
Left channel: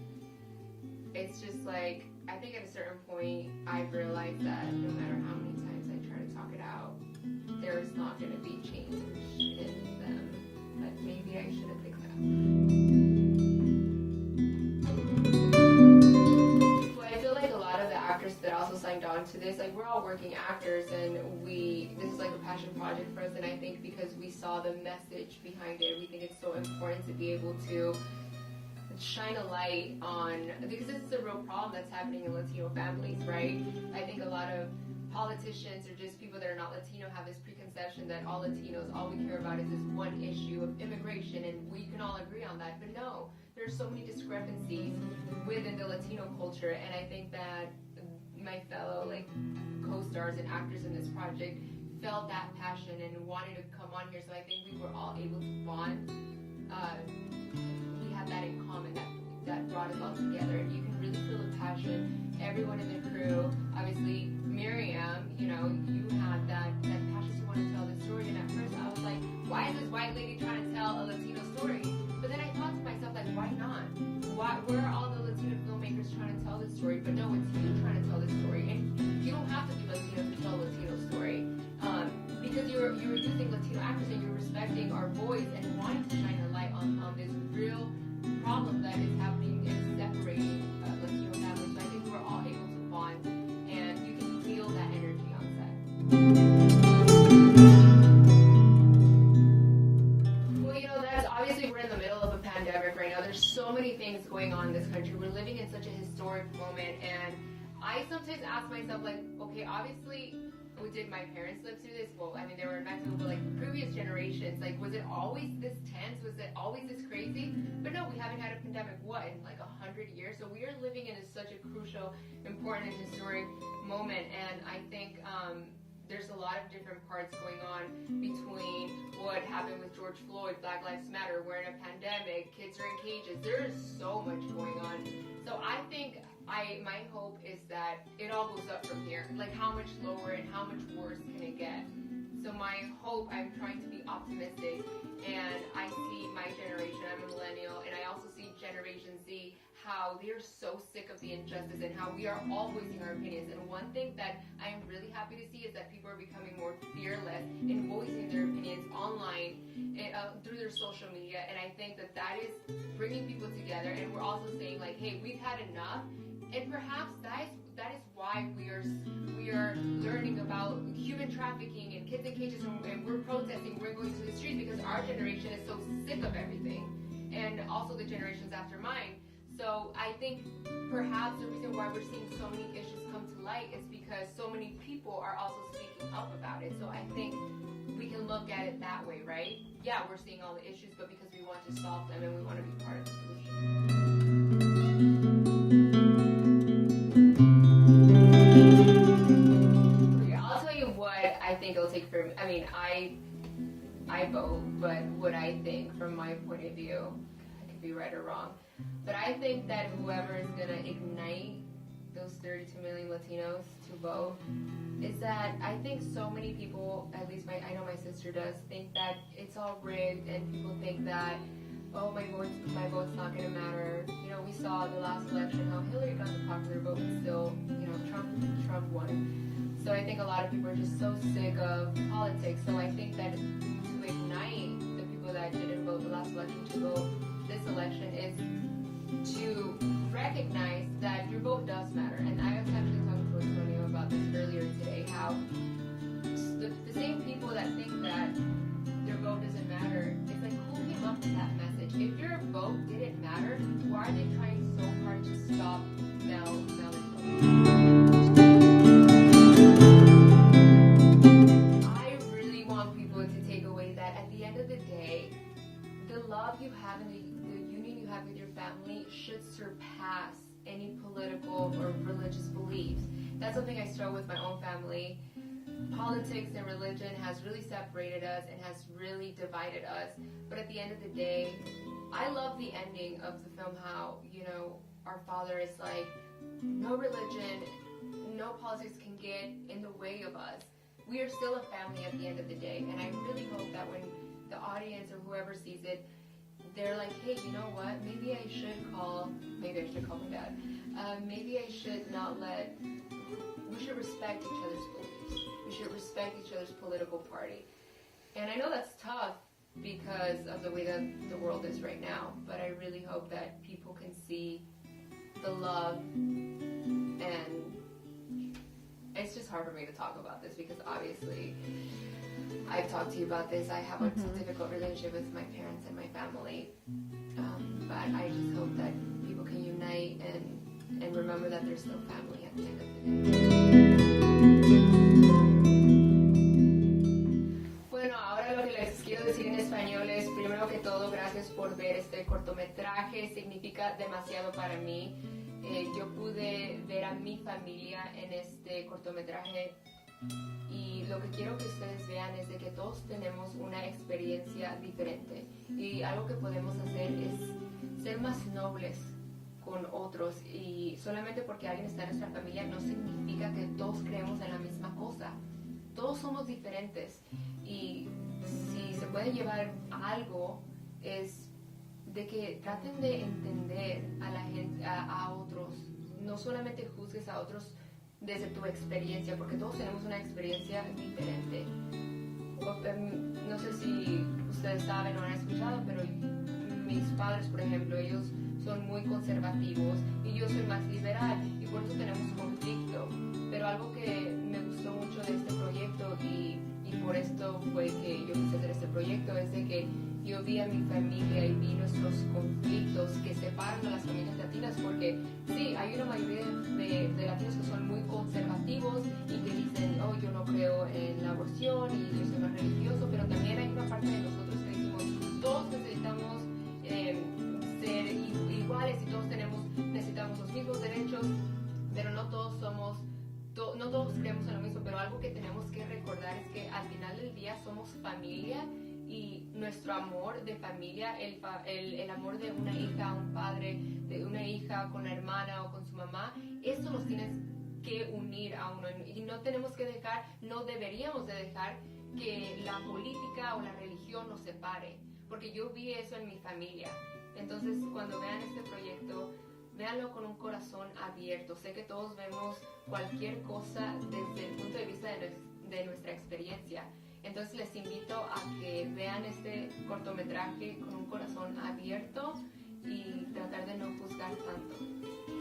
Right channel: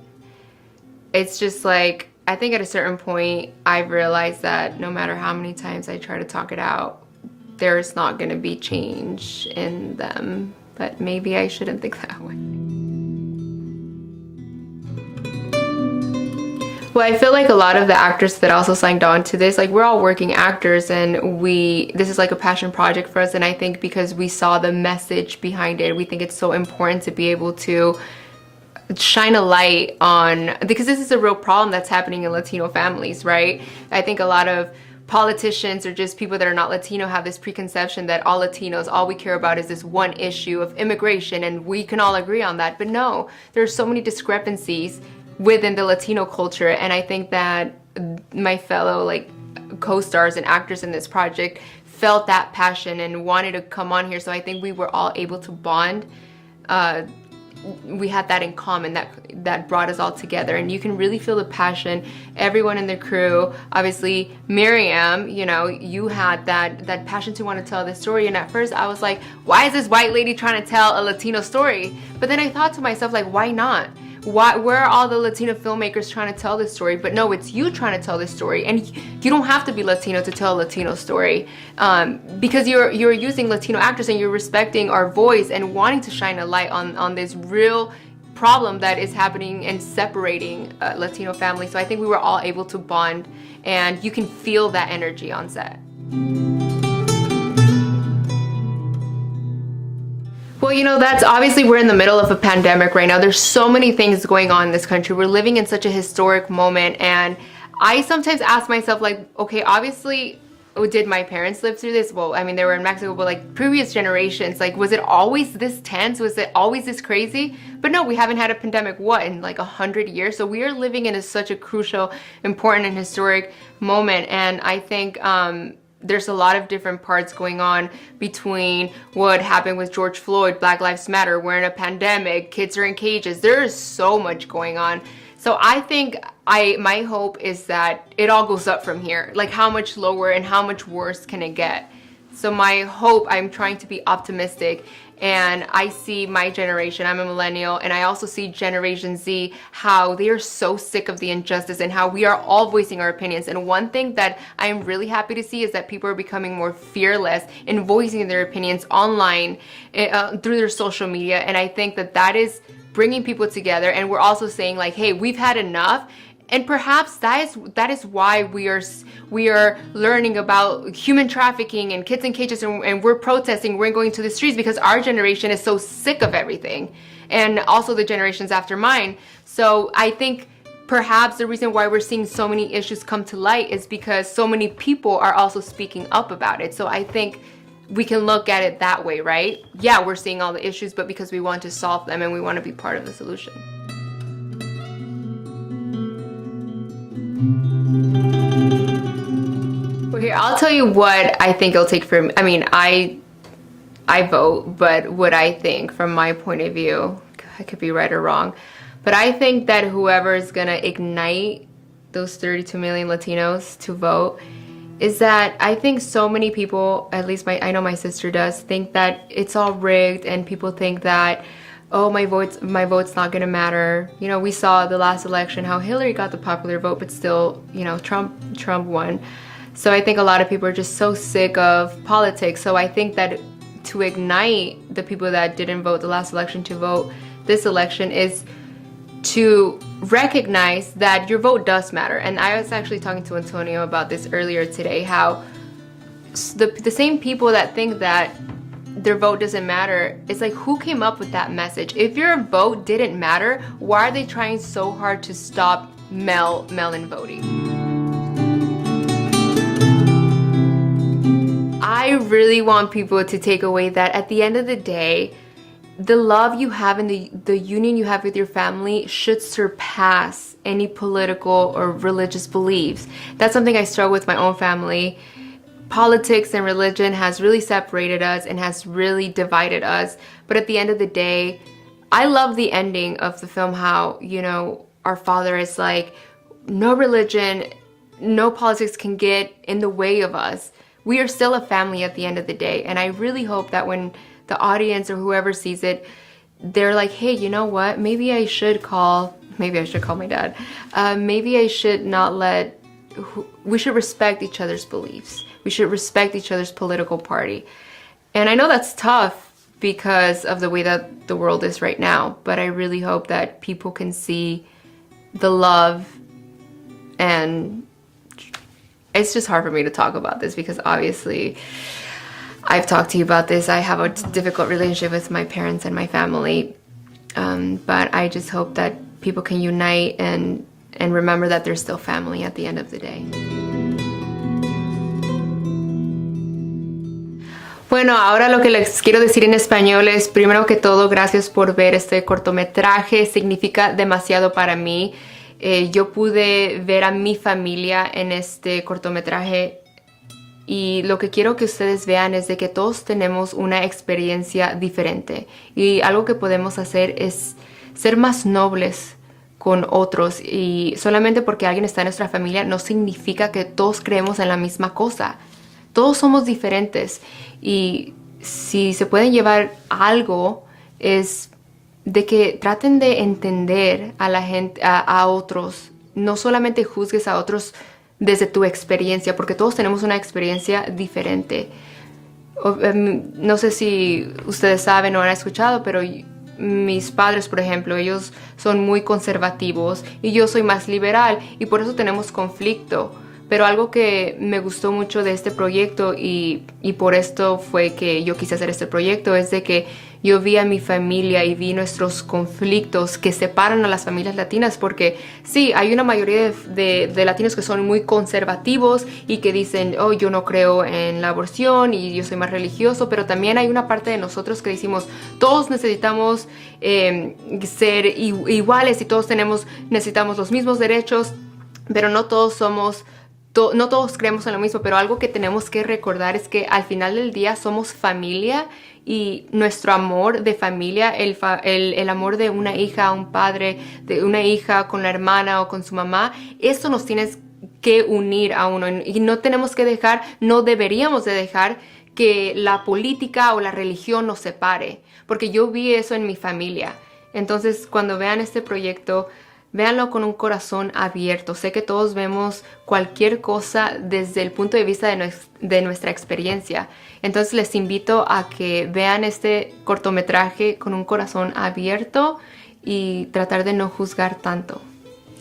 it's just like, I think at a certain point, I've realized that no matter how many times I try to talk it out, there's not gonna be change in them. But maybe I shouldn't think that way. Well, I feel like a lot of the actors that also signed on to this, we're all working actors, and this is like a passion project for us. And I think because we saw the message behind it, we think it's so important to be able to shine a light on, because this is a real problem that's happening in Latino families, right? I think a lot of politicians or just people that are not Latino have this preconception that all Latinos, all we care about is this one issue of immigration, and we can all agree on that. But no, there's so many discrepancies within the Latino culture, and I think that my fellow co-stars and actors in this project felt that passion and wanted to come on here. So I think we were all able to bond. We had that in common, that brought us all together, and you can really feel the passion. Everyone in the crew, obviously Miriam, you had that passion to want to tell this story, and at first I was like, why is this white lady trying to tell a Latino story? But then I thought to myself, why not? Where are all the Latino filmmakers trying to tell this story? But no, it's you trying to tell this story, and you don't have to be Latino to tell a Latino story, because you're using Latino actors, and you're respecting our voice and wanting to shine a light on this real problem that is happening and separating Latino families. So I think we were all able to bond, and you can feel that energy on set. Well, that's obviously, we're in the middle of a pandemic right now. There's so many things going on in this country. We're living in such a historic moment, and I sometimes ask myself, okay, obviously did my parents live through this? Well, I mean, they were in Mexico, but like previous generations, like, was it always this tense? Was it always this crazy? But no, we haven't had a pandemic, what, in like 100 years? So we are living in such a crucial, important, and historic moment. And I think there's a lot of different parts going on between what happened with George Floyd, Black Lives Matter, we're in a pandemic, kids are in cages. There is so much going on. So I think my hope is that it all goes up from here. Like, how much lower and how much worse can it get? So my hope, I'm trying to be optimistic, and I see my generation, I'm a millennial, and I also see Generation Z, how they are so sick of the injustice and how we are all voicing our opinions. And one thing that I'm really happy to see is that people are becoming more fearless in voicing their opinions online through their social media. And I think that that is bringing people together, and we're also saying like, hey, we've had enough. And perhaps that is why we are learning about human trafficking and kids in cages, and we're protesting, we're going to the streets, because our generation is so sick of everything, and also the generations after mine. So I think perhaps the reason why we're seeing so many issues come to light is because so many people are also speaking up about it. So I think we can look at it that way, right? Yeah, we're seeing all the issues, but because we want to solve them and we want to be part of the solution. Okay, I'll tell you what I think it'll take for me. I mean, I vote, but what I think from my point of view, I could be right or wrong, but I think that whoever is gonna ignite those 32 million Latinos to vote is that I think so many people, at least I know my sister does, think that it's all rigged, and people think that, oh, my vote's not gonna matter. You know, we saw the last election how Hillary got the popular vote, but still, you know, Trump won. So I think a lot of people are just so sick of politics. So I think that to ignite the people that didn't vote the last election to vote this election is to recognize that your vote does matter. And I was actually talking to Antonio about this earlier today, how the same people that think that their vote doesn't matter, it's like, who came up with that message? If your vote didn't matter, why are they trying so hard to stop mail-in voting? I really want people to take away that at the end of the day, the love you have and the union you have with your family should surpass any political or religious beliefs. That's something I struggle with my own family. Politics and religion has really separated us and has really divided us. But at the end of the day, I love the ending of the film, how, you know, our father is like, no religion, no politics can get in the way of us. We are still a family at the end of the day. And I really hope that when the audience or whoever sees it, they're like, hey, you know what? Maybe I should call my dad. Maybe I should not we should respect each other's beliefs. We should respect each other's political party. And I know that's tough because of the way that the world is right now, but I really hope that people can see the love. And it's just hard for me to talk about this because obviously I've talked to you about this. I have a difficult relationship with my parents and my family, but I just hope that people can unite and remember that they're still family at the end of the day. Bueno, ahora lo que les quiero decir en español es, primero que todo, gracias por ver este cortometraje. Significa demasiado para mí. Yo pude ver a mi familia en este cortometraje y lo que quiero que ustedes vean es de que todos tenemos una experiencia diferente y algo que podemos hacer es ser más nobles con otros, y solamente porque alguien está en nuestra familia no significa que todos creemos en la misma cosa. Todos somos diferentes y si se pueden llevar algo es de que traten de entender a la gente, a otros. No solamente juzgues a otros desde tu experiencia, porque todos tenemos una experiencia diferente. No sé si ustedes saben o han escuchado, pero mis padres, por ejemplo, ellos son muy conservativos y yo soy más liberal y por eso tenemos conflicto. Pero algo que me gustó mucho de este proyecto y por esto fue que yo quise hacer este proyecto es de que yo vi a mi familia y vi nuestros conflictos que separan a las familias latinas, porque sí, hay una mayoría de latinos que son muy conservativos y que dicen, oh, yo no creo en la aborción y yo soy más religioso, pero también hay una parte de nosotros que decimos, todos necesitamos ser iguales y todos necesitamos los mismos derechos, pero no todos somos... No todos creemos en lo mismo, pero algo que tenemos que recordar es que al final del día somos familia y nuestro amor de familia, el amor de una hija a un padre, de una hija con la hermana o con su mamá, eso nos tiene que unir a uno y no tenemos que dejar, no deberíamos de dejar que la política o la religión nos separe, porque yo vi eso en mi familia. Entonces, cuando vean este proyecto, véanlo con un corazón abierto. Sé que todos vemos cualquier cosa desde el punto de vista de nuestra experiencia. Entonces les invito a que vean este cortometraje con un corazón abierto y tratar de no juzgar tanto.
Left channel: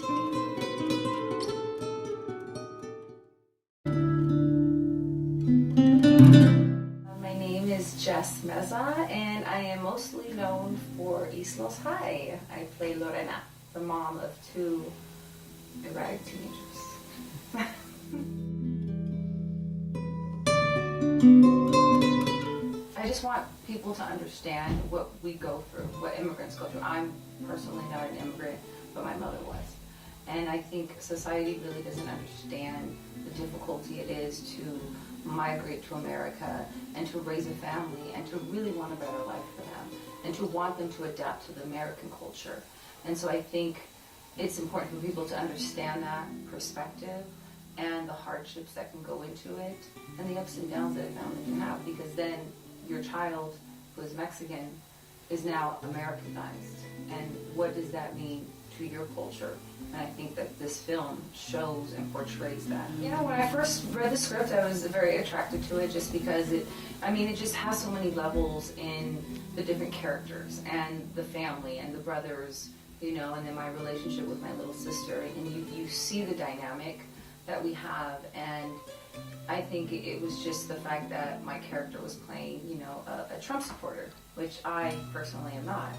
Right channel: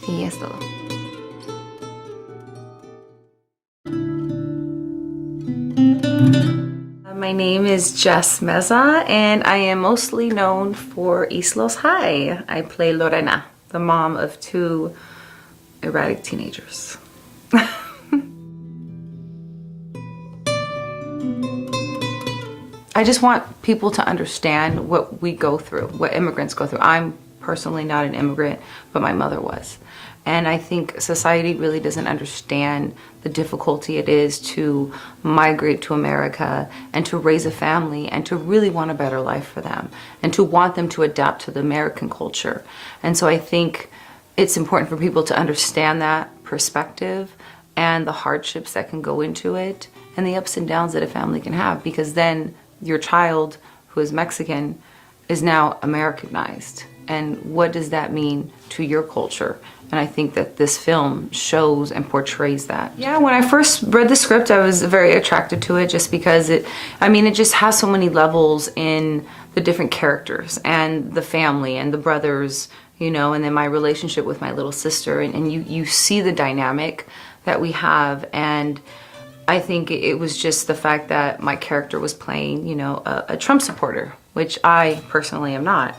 Y es todo. My name is Jess Meza, and I am mostly known for East Los High. I play Lorena, the mom of 2 erratic teenagers. I just want people to understand what we go through, what immigrants go through. I'm personally not an immigrant, but my mother was. And I think society really doesn't understand the difficulty it is to migrate to America and to raise a family and to really want a better life for them and to want them to adapt to the American culture. And so I think it's important for people to understand that perspective and the hardships that can go into it and the ups and downs that a family can have, because then your child who is Mexican is now Americanized. And what does that mean to your culture? And I think that this film shows and portrays that. Yeah, when I first read the script, I was very attracted to it just because it just has so many levels in the different characters and the family and the brothers, you know, and then my relationship with my little sister. And you see the dynamic that we have. And I think it was just the fact that my character was playing, you know, a Trump supporter, which I personally am not.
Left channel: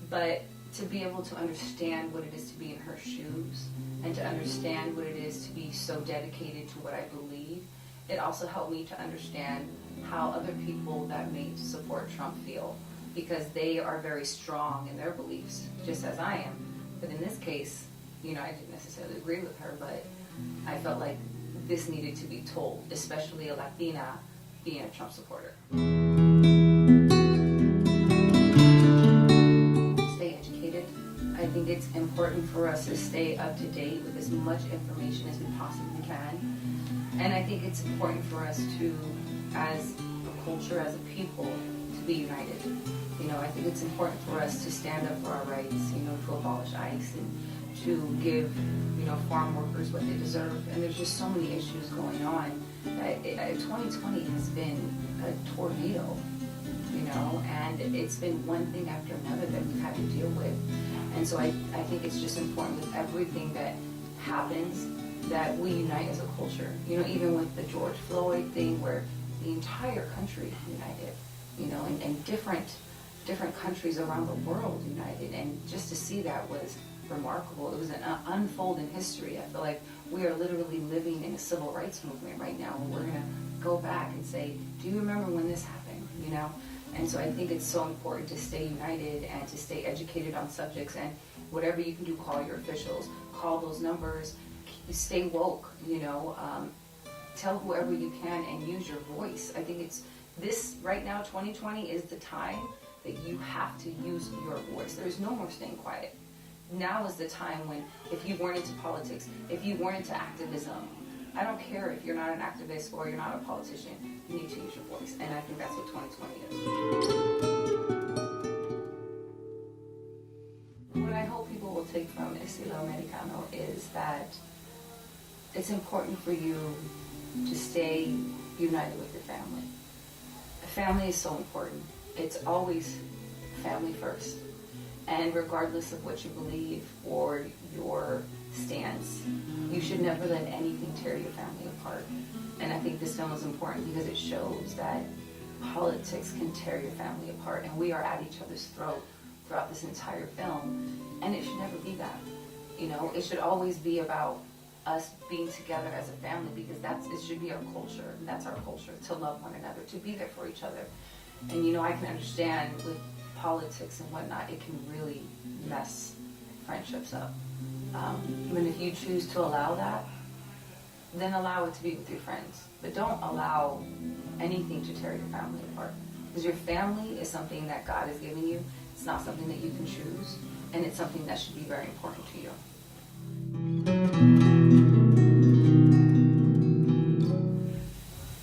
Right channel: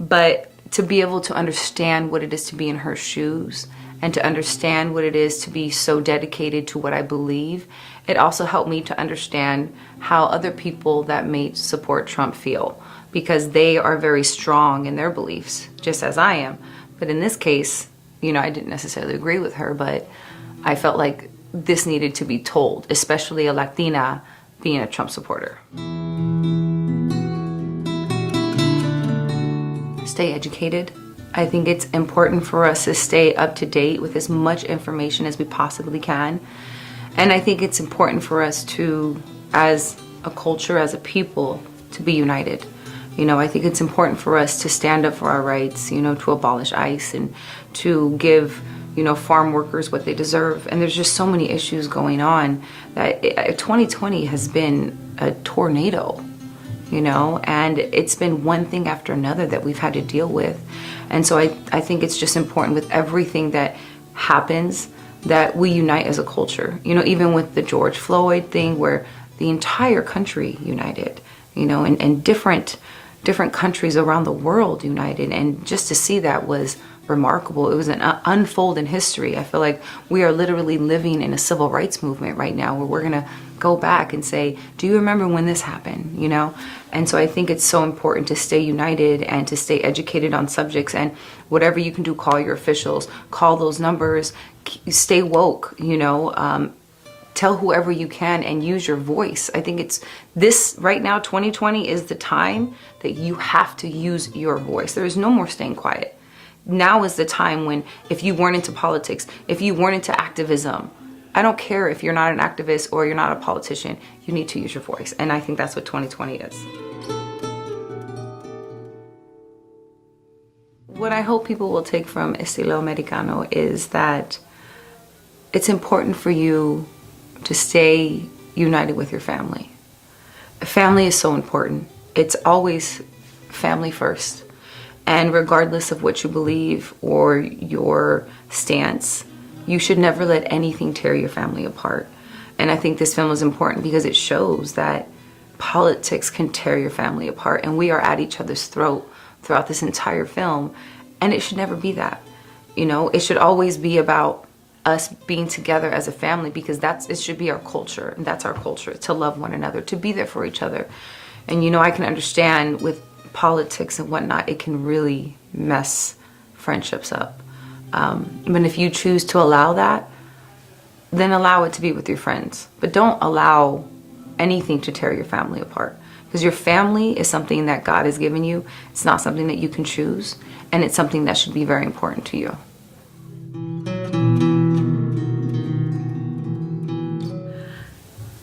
But to be able to understand what it is to be in her shoes and to understand what it is to be so dedicated to what I believe, it also helped me to understand how other people that may support Trump feel, because they are very strong in their beliefs, just as I am. But in this case, you know, I didn't necessarily agree with her, but I felt like this needed to be told, especially a Latina being a Trump supporter. Stay educated. I think it's important for us to stay up to date with as much information as we possibly can. And I think it's important for us to, as a culture, as a people, to be united. You know, I think it's important for us to stand up for our rights, you know, to abolish ICE and to give, you know, farm workers what they deserve. And there's just so many issues going on that 2020 has been a tornado, you know, and it's been one thing after another that we've had to deal with. And so I think it's just important with everything that happens that we unite as a culture. You know, even with the George Floyd thing where the entire country united, you know, and different countries around the world united. And just to see that was remarkable. It was an unfold in history. I feel like we are literally living in a civil rights movement right now where we're gonna go back and say, do you remember when this happened, you know? And so I think it's so important to stay united and to stay educated on subjects, and whatever you can do, call your officials, call those numbers, stay woke, you know, tell whoever you can and use your voice. I think it's this right now, 2020 is the time that you have to use your voice. There is no more staying quiet. Now is the time when, if you weren't into politics, if you weren't into activism, I don't care if you're not an activist or you're not a politician, you need to use your voice. And I think that's what 2020 is. What I hope people will take from Estilo Americano is that it's important for you to stay united with your family. Family is so important. It's always family first. And regardless of what you believe or your stance, You should never let anything tear your family apart. And I think this film is important because it shows that politics can tear your family apart, and we are at each other's throat throughout this entire film, and it should never be that. You know, it should always be about us being together as a family, because it should be our culture, and that's our culture, to love one another, to be there for each other. And you know, I can understand with politics and whatnot, it can really mess friendships up. But if you choose to allow that, then allow it to be with your friends. But don't allow anything to tear your family apart. Because your family is something that God has given you. It's not something that you can choose. And it's something that should be very important to you.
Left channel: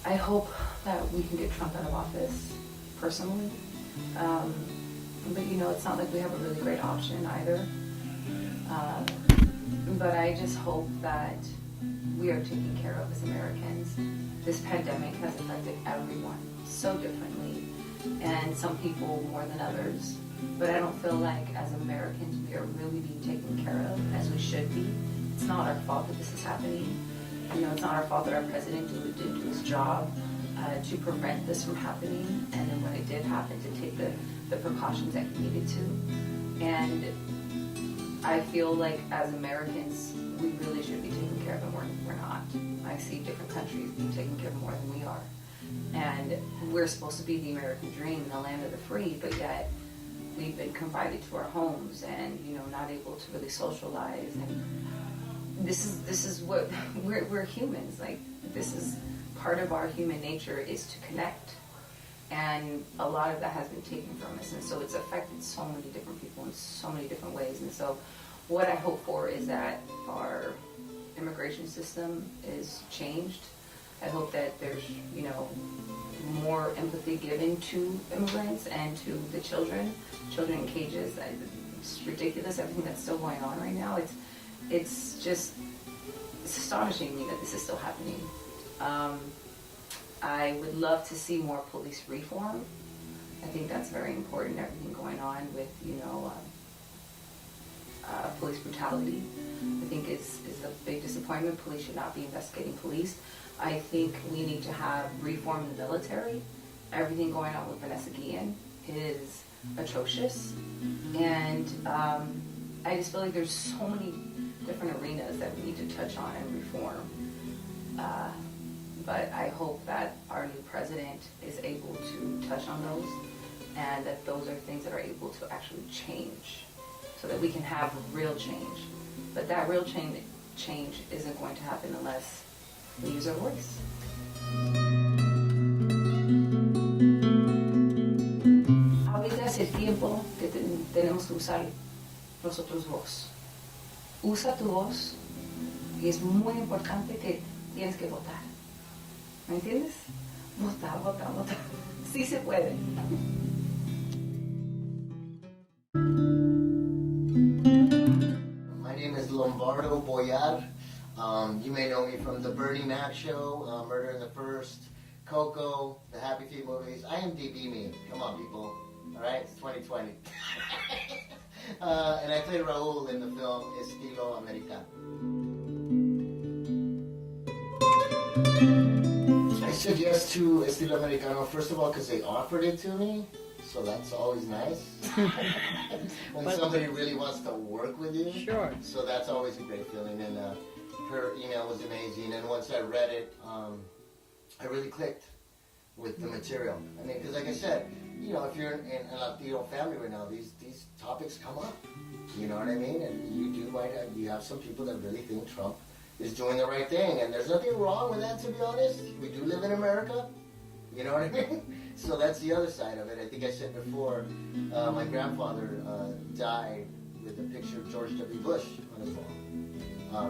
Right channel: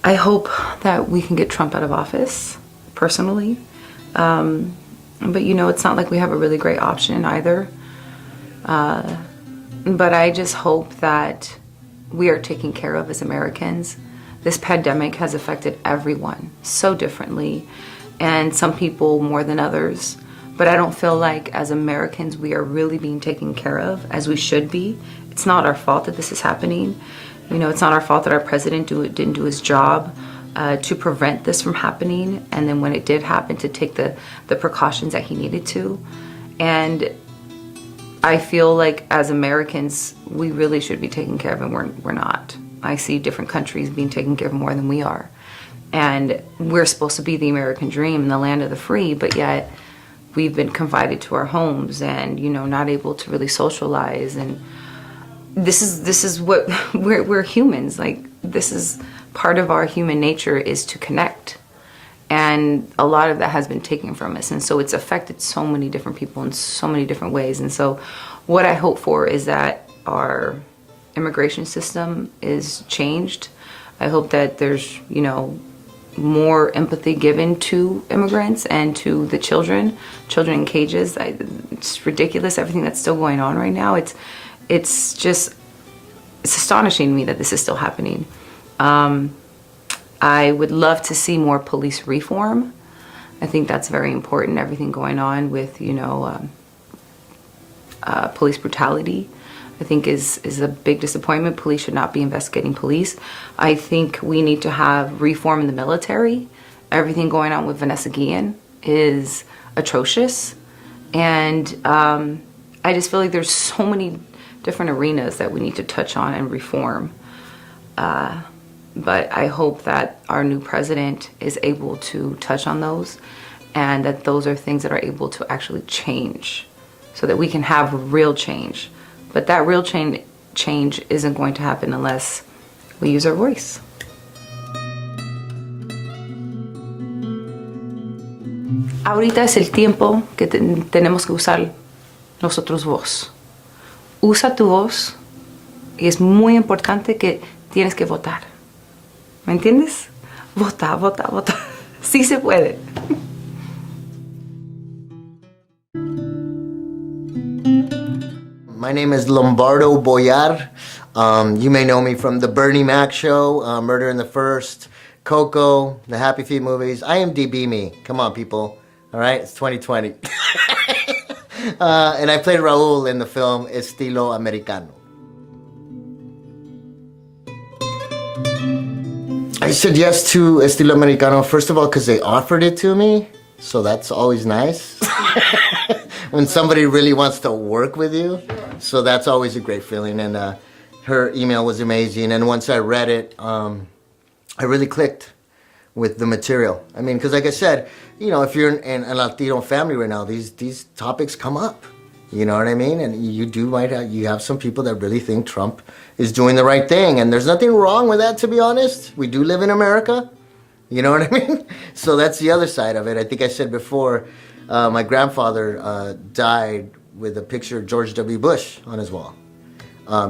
I hope that we can get Trump out of office, personally. But you know, it's not like we have a really great option either. But I just hope that we are taken care of as Americans. This pandemic has affected everyone so differently, and some people more than others. But I don't feel like as Americans we are really being taken care of as we should be. It's not our fault that this is happening. You know, it's not our fault that our president didn't do his job to prevent this from happening, and then when it did happen, to take the precautions that he needed to. And I feel like as Americans, we really should be taken care of, and we're not. I see different countries being taken care of more than we are. And we're supposed to be the American dream, the land of the free, but yet we've been confined to our homes and, you know, not able to really socialize. And this is what, we're humans. Like, this is part of our human nature, is to connect. And a lot of that has been taken from us. And so it's affected so many different people in so many different ways. And so what I hope for is that our immigration system is changed. I hope that there's, you know, more empathy given to immigrants and to the children in cages. It's ridiculous, everything that's still going on right now. It's astonishing to me that this is still happening. I would love to see more police reform. I think that's very important, everything going on with, you know, police brutality, I think is a big disappointment. Police should not be investigating police. I think we need to have reform in the military. Everything going on with Vanessa Guillen is atrocious. And I just feel like there's so many different arenas that we need to touch on and reform. But I hope that our new president is able to touch on those, and that those are things that are able to actually change, so that we can have real change. But that real change isn't going to happen unless we use our voice. Ahorita es el tiempo que tenemos que usar nosotros voz. Usa tu voz, y es muy importante que tienes que votar. ¿Me entiendes? Vota, vota, vota. Sí se puede. My name is Lombardo Boyar. You may know me from the Bernie Mac show, Murder in the First, Coco, the Happy Feet movies. IMDb me. Come on, people. All right? It's 2020. And I played Raul in the film Estilo Americano. I said yes to Estilo Americano, first of all, because they offered it to me. So that's always nice. When somebody really wants to work with you. Sure. So that's always a great feeling. And her email was amazing. And once I read it, I really clicked with the material. I mean, because like I said, you know, if you're in a Latino family right now, these topics come up. You know what I mean? And you have some people that really think Trump is doing the right thing. And there's nothing wrong with that, to be honest. We do live in America. You know what I mean? So that's the other side of it. I think I said before, my grandfather died with a picture of George W. Bush on his wall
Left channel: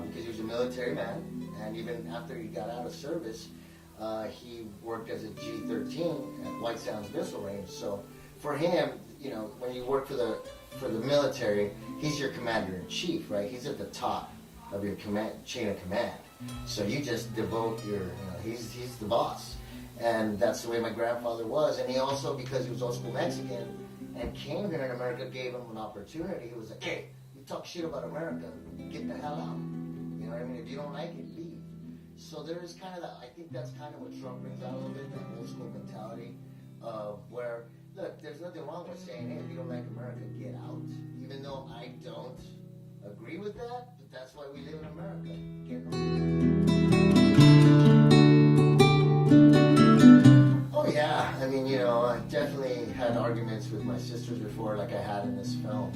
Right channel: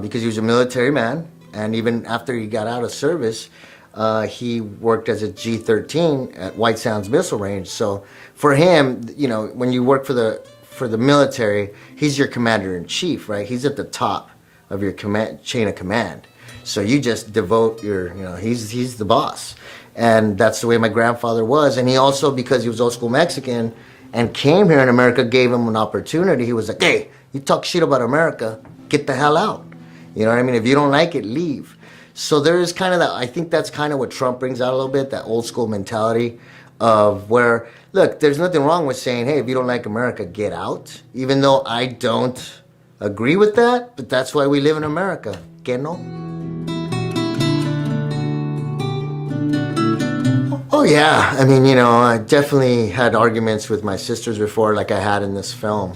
because he was a military man. And even after he got out of service, he worked as a G-13 at White Sands Missile Range. So for him, you know, when you work for the military, he's your commander-in-chief, right? He's at the top of your chain of command. So you just devote he's the boss. And that's the way my grandfather was. And he also, because he was old school Mexican and came here in America, gave him an opportunity. He was like, hey, you talk shit about America, get the hell out. You know what I mean? If you don't like it, leave. So there is kind of that, I think that's kind of what Trump brings out a little bit, that old school mentality of where, look, there's nothing wrong with saying, hey, if you don't like America, get out. Even though I don't agree with that, but that's why we live in America. Que no? Oh yeah, I mean, you know, I definitely had arguments with my sisters before, like I had in this film.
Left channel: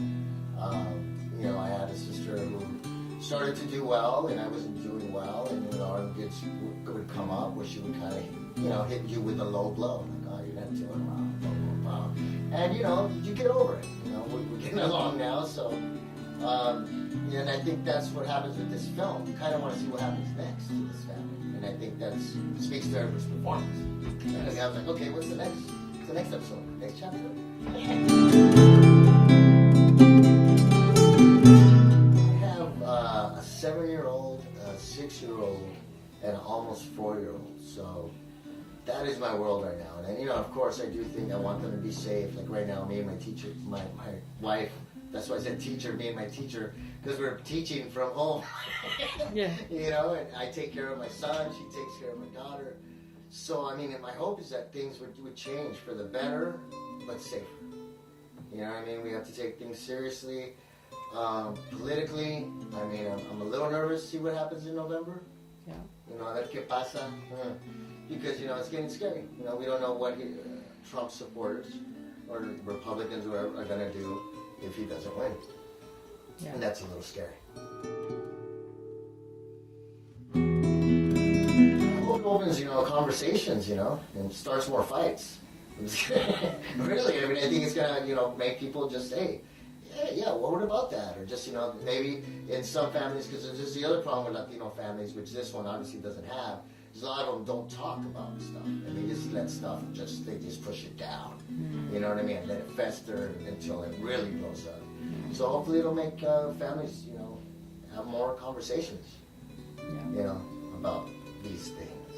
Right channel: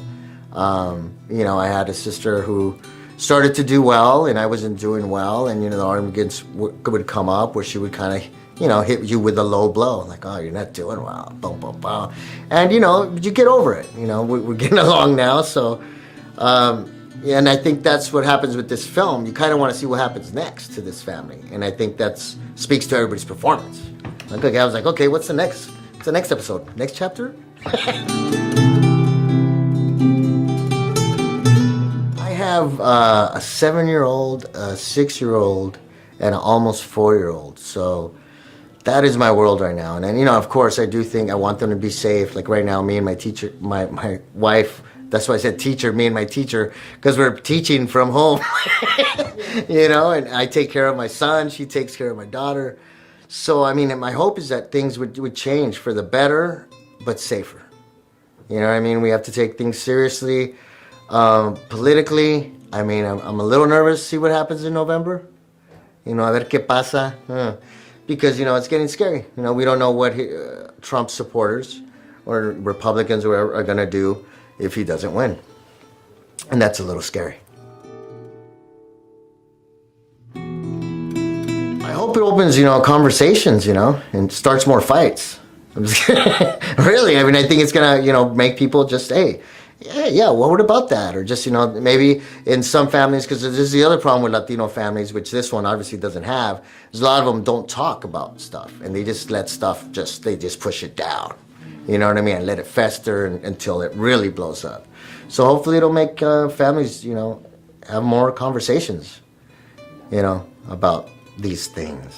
You know, I had a sister who started to do well, and I wasn't doing well, and you know, the arguments would come up where she would kind of, you know, hit you with a low blow, like, oh, you're not doing well, boom, boom, boom. And you know, you get over it. You know, we're getting along now, so. Yeah, and I think that's what happens with this film. You kind of want to see what happens next to this family, and I think that speaks to everybody's performance. Like, okay, I was like, okay, what's the next episode? Next chapter? I have a 7-year-old, a 6-year-old, and an almost 4-year-old. So that is my world right now. And then, you know, of course, I do think I want them to be safe. Like right now, me and my teacher, my wife, that's why I said teacher, me and my teacher, because we're teaching from home. You know, and I take care of my son, she takes care of my daughter. So, I mean, my hope is that things would change for the better, but safer. You know what I mean? We have to take things seriously. Politically, I mean, I'm a little nervous to see what happens in November. You know, a ver qué pasa. Because, you know, it's getting scary. You know, we don't know what Trump supporters or Republicans or whatever are going to do if he doesn't win. And that's a little scary. I hope it opens, you know, conversations, you know, and starts more fights. Really, I mean, I think it's gonna, you know, make people just, hey, yeah, what about that? Or just, you know, maybe in some families, because this is the other problem with Latino families, which this one obviously doesn't have, is a lot of them don't talk about stuff, and they just let stuff they just push it down. You know what I mean? And let it fester until it really blows up. So hopefully it'll make families, you know, have more conversations, you know, about these things.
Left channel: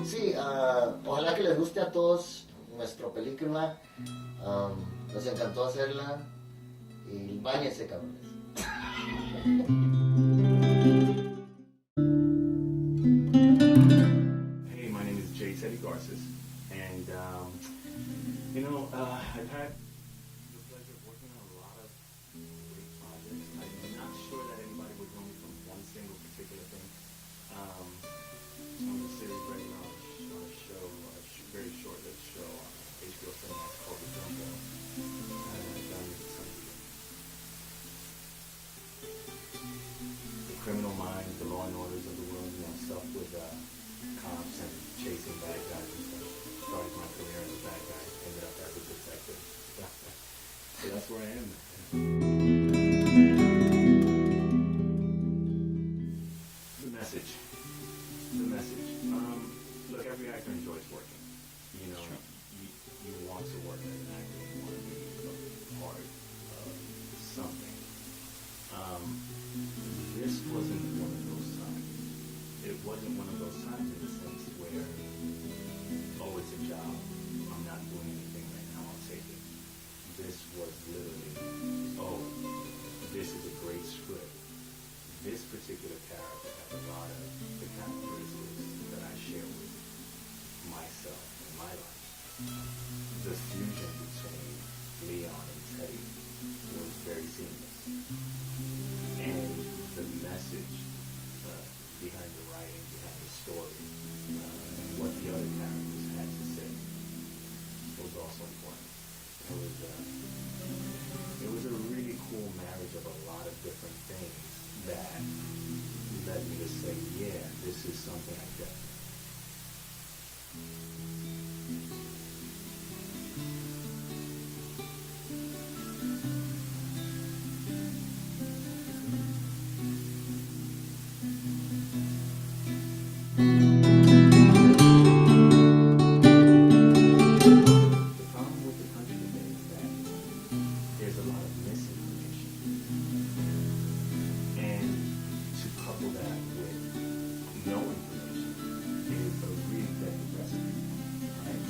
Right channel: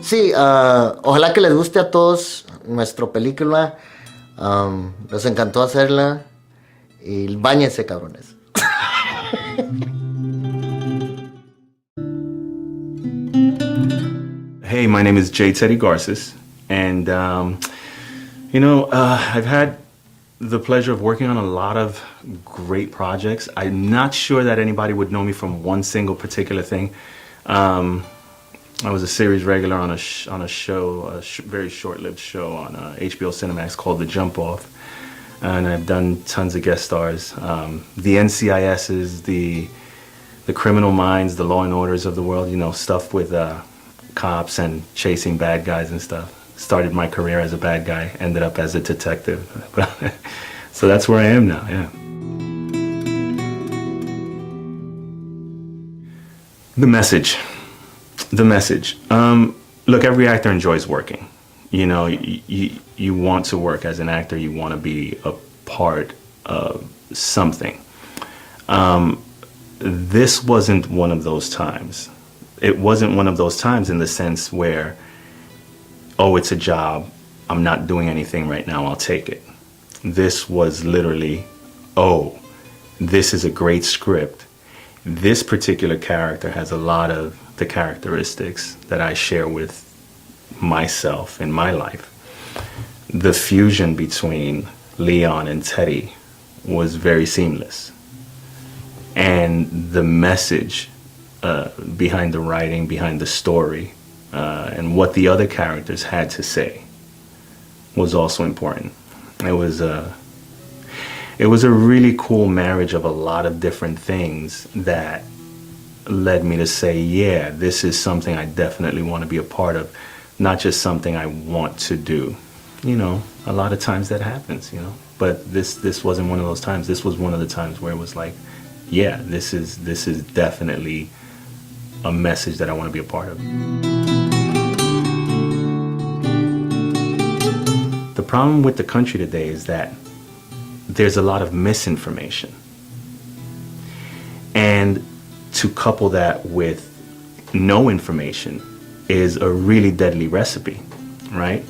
Sí, ojalá que les guste a todos nuestra película. Nos encantó hacerla. Y báñense, cabrones. Hey, my name is J. Teddy Garces, and you know, I've had the pleasure of working on a lot of great projects. I'm not sure that anybody would know me from one single particular thing. I was a series regular on a show, very short-lived show on HBO Cinemax called The Jump Off, and I've done tons of guest stars. The NCISs, the Criminal Minds, the Law and Orders of the world, you know, stuff with cops and chasing bad guys and stuff. Started my career as a bad guy, ended up as a detective. So that's where I am now, yeah. The message. Look, every actor enjoys working. You know, you want to work as an actor, you want to be a part of something. This wasn't one of those times. It wasn't one of those times in the sense where, oh, it's a job, I'm not doing anything right now, I'll take it. This was literally, oh, this is a great script. This particular character has a lot of the characteristics that I share with myself in my life. The fusion between Leon and Teddy was very seamless. And the message behind the writing, behind the story, and what the other characters had to say was also important. It was a really cool marriage of a lot of different things that led me to say, yeah, this is something I definitely want to be a part of, not just something I want to do. You know, a lot of times that happens, you know, but this wasn't one of those times. This was one of the times where it was like, yeah, this is definitely a message that I want to be a part of. The problem with the country today is that there's a lot of misinformation. And to couple that with no information is a really deadly recipe, right?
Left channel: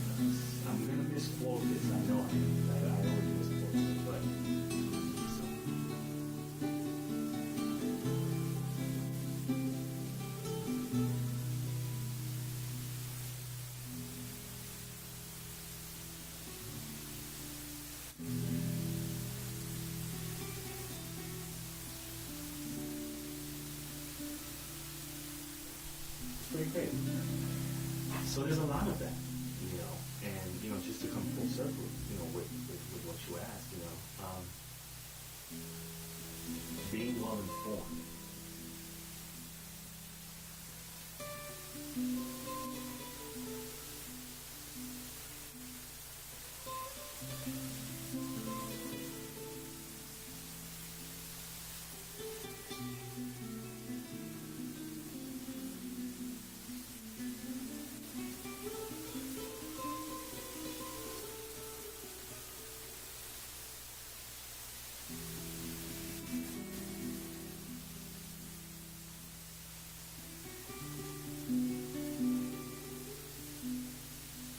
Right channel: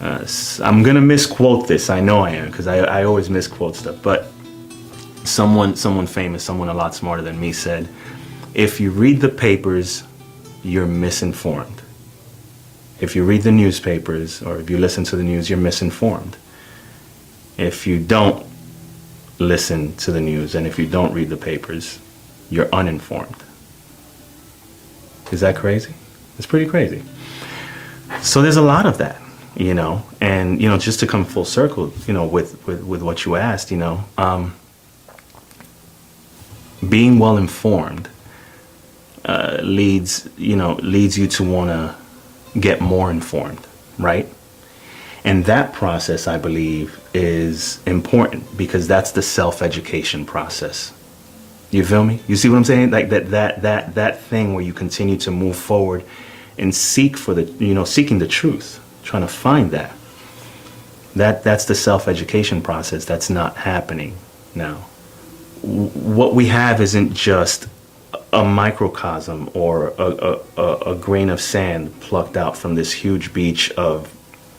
I'm gonna misquote this, I know I am, because I always misquote stuff, but someone famous, someone a lot smarter than me said, if you read the papers, you're misinformed. If you read the newspapers or if you listen to the news, you're misinformed. If you don't listen to the news and if you don't read the papers, you're uninformed. Is that crazy? It's pretty crazy. So there's a lot of that, you know, and, you know, just to come full circle, you know, with what you asked, you know, being well informed leads you to want to get more informed, right? And that process, I believe, is important because that's the self-education process. You feel me? You see what I'm saying? Like that thing where you continue to move forward and seeking the truth, trying to find that. That's the self-education process that's not happening now. What we have isn't just a microcosm or a grain of sand plucked out from this huge beach of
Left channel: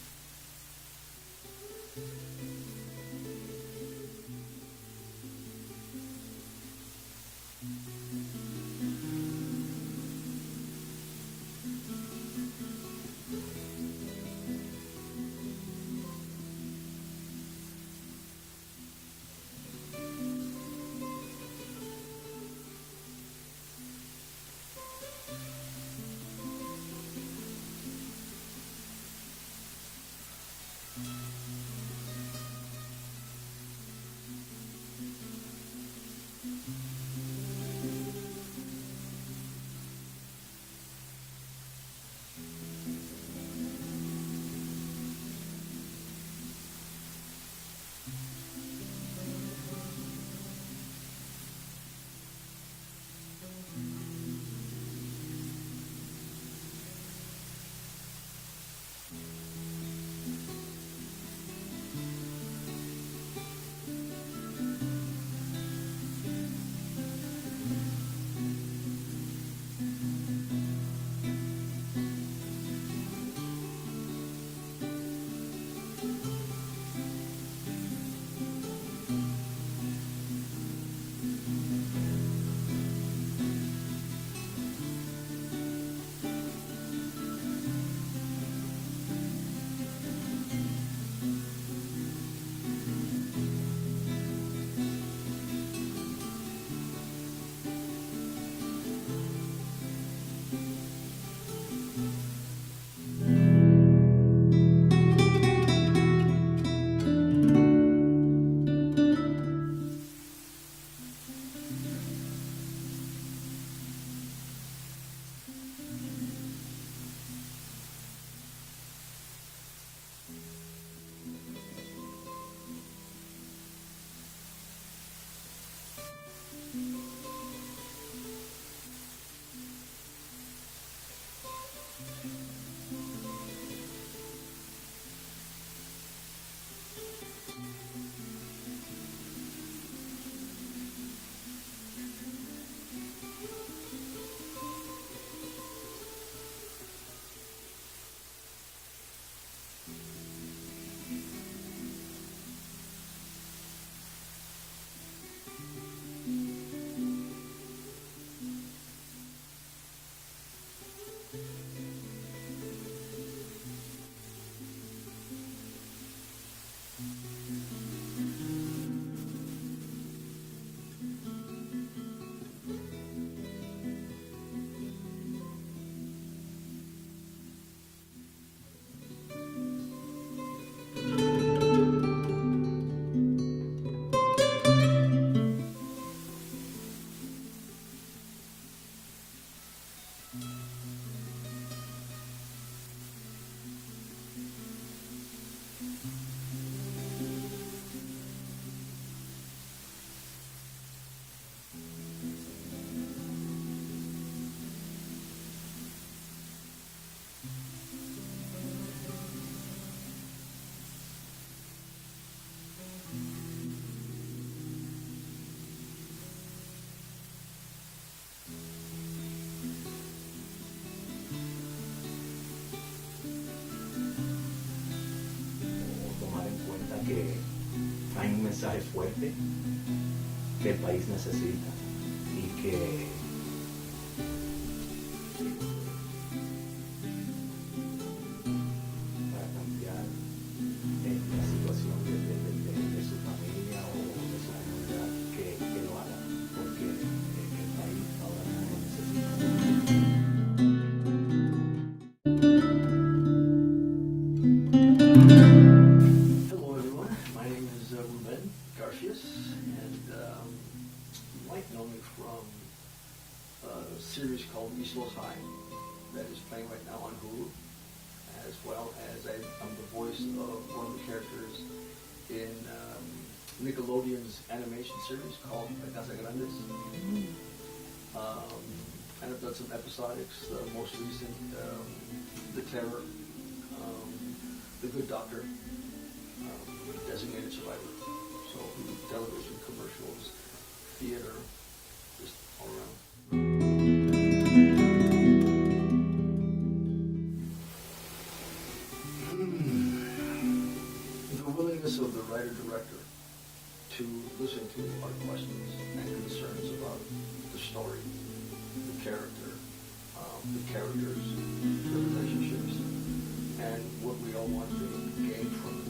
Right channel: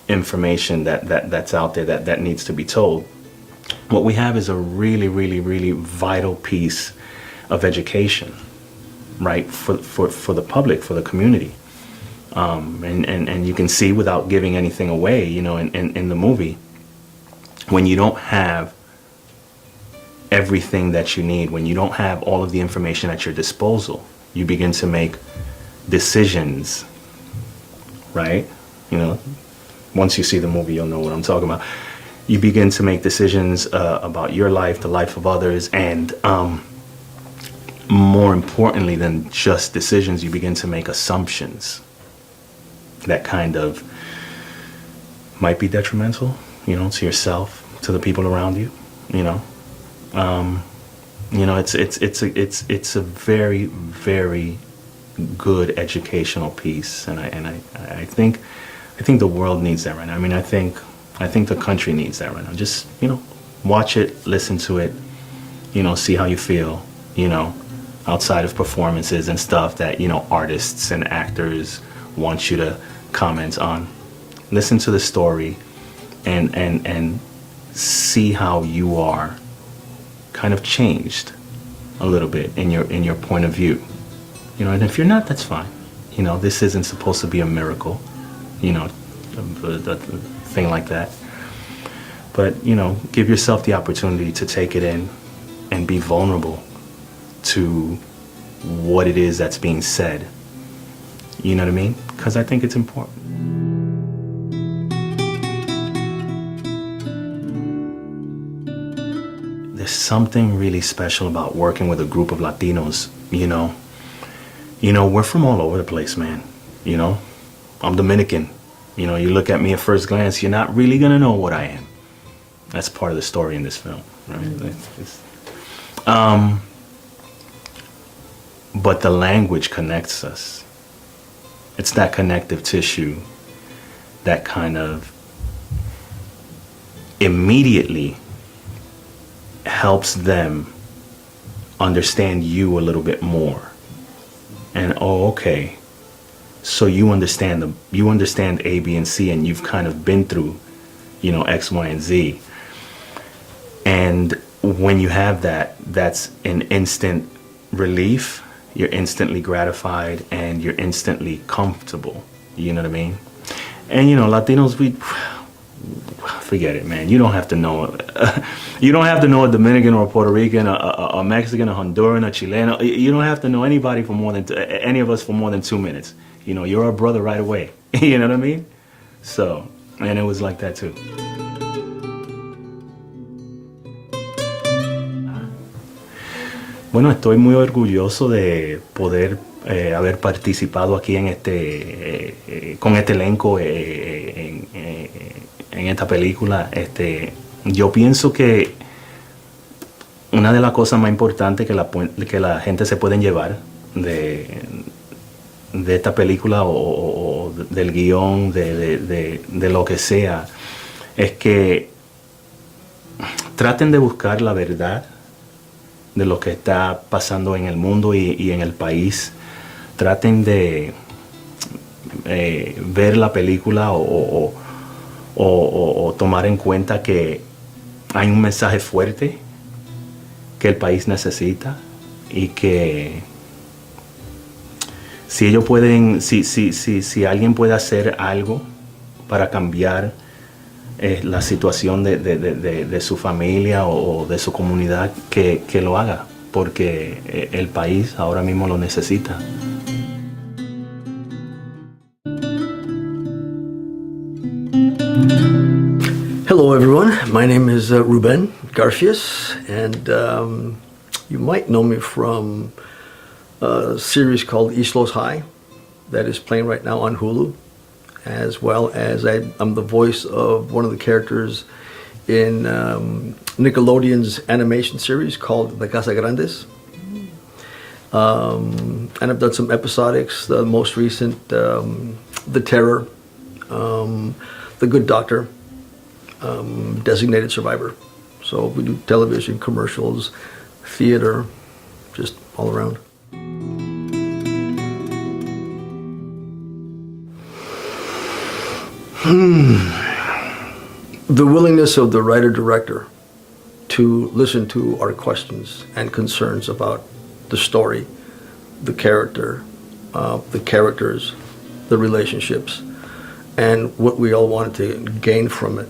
information that's out there that needs to be told. What we have is a really, really, really vital piece of education, right, for the public, for the community. And you can see, without giving anything away, you know, in the movie, when you don't have everything that you need, when you don't have all of the information at your disposal, you begin to make decisions, right? You know, once you see the movie, you'll know what I'm talking about. You begin to make decisions about your life, the life of others, and more importantly than just decisions, you begin to make assumptions that kind of might be detrimental, you know, to yourself, to the people around you, you know. You know, it's a very, very good educational piece, and I think the world needs that right now. I mean, I think the country needs that right now. Just, you know, watch it, listen to it, you know, see how you feel, you know, outside of performances and stuff that, you know, artists and actors want you to comment on. Listen to the story and see how you are kind of changed a little bit in your point of view. You know, and if you're not, that's fine. You know, this isn't supposed to be a miracle, you know, a thing like that. But, you know, give yourself the opportunity to take it in and be vulnerable to what it is that's being said. You know what I mean? Because I think it's important. There's something really special about working with a group of Latinos, you know. You know, we're from all over the place, man. You know, I'm Dominican. You know, you look at me at first glance, you're not really gonna know what I am. That's part of the story in this film, right? But the language connects us. It's that connective tissue that kind of immediately helps them understand you a little bit more. And, oh, okay, so you understand A, B, and C, and you've kind of been through, you know, X, Y, and Z. And when you have that, that's an instant relief. You're instantly gratified and you're instantly comfortable. You know what I mean? And, you know, Latinos, we forget it, man. You don't have to know you don't have to know a Dominican or a Puerto Rican, a Mexican, a Honduran, a Chilean. You don't have to know anybody for more than any of us for more than 2 minutes. You know, you're our brother right away. You know what I mean? So, and it was like that too. Bueno, estoy muy orgulloso de poder haber participado aquí en con este elenco en esta película. Yo pienso que una de las cosas más importantes que la gente se pueden llevar de esta película o del guión, de lo que sea, es que traten de buscar la verdad de lo que está pasando en el mundo y en el país. Traten de ver la película o tomar en cuenta que hay un mensaje fuerte que el país necesita y que si ellos pueden, si alguien puede hacer algo para cambiar la situación de su familia o de su comunidad, que lo haga, porque el país ahora mismo lo necesita. Hello, everyone. My name is Ruben Garfias, and you might know me from a series called Islos High that is playing right now on Hulu, as well as I'm the voice of one of the characters in Nickelodeon's animation series called La Casa Grandes. And I've done some episodics, the most recent, The Terror, The Good Doctor, Designated Survivor. So we do television, commercials, theater, just all around. The willingness of the writer-director to listen to our questions and concerns about the story, the character, the characters, the relationships, and what we all wanted to gain from it.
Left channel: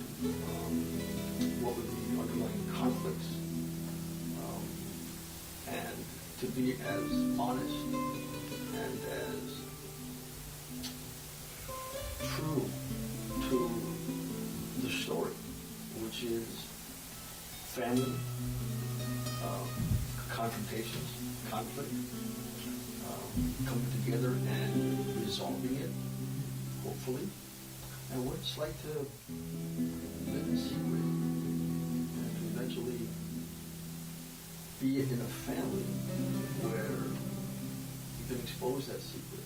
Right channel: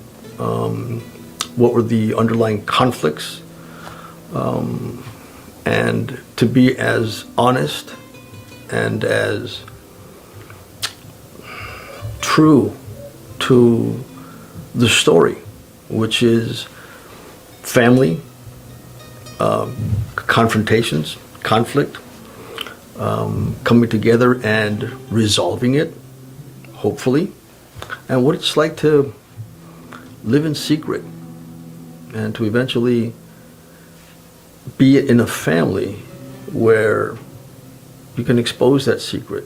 What were the underlying conflicts, and to be as honest and as true to the story, which is family, confrontations, conflict, coming together and resolving it, hopefully, and what it's like to live in secret and to eventually be in a family where you can expose that secret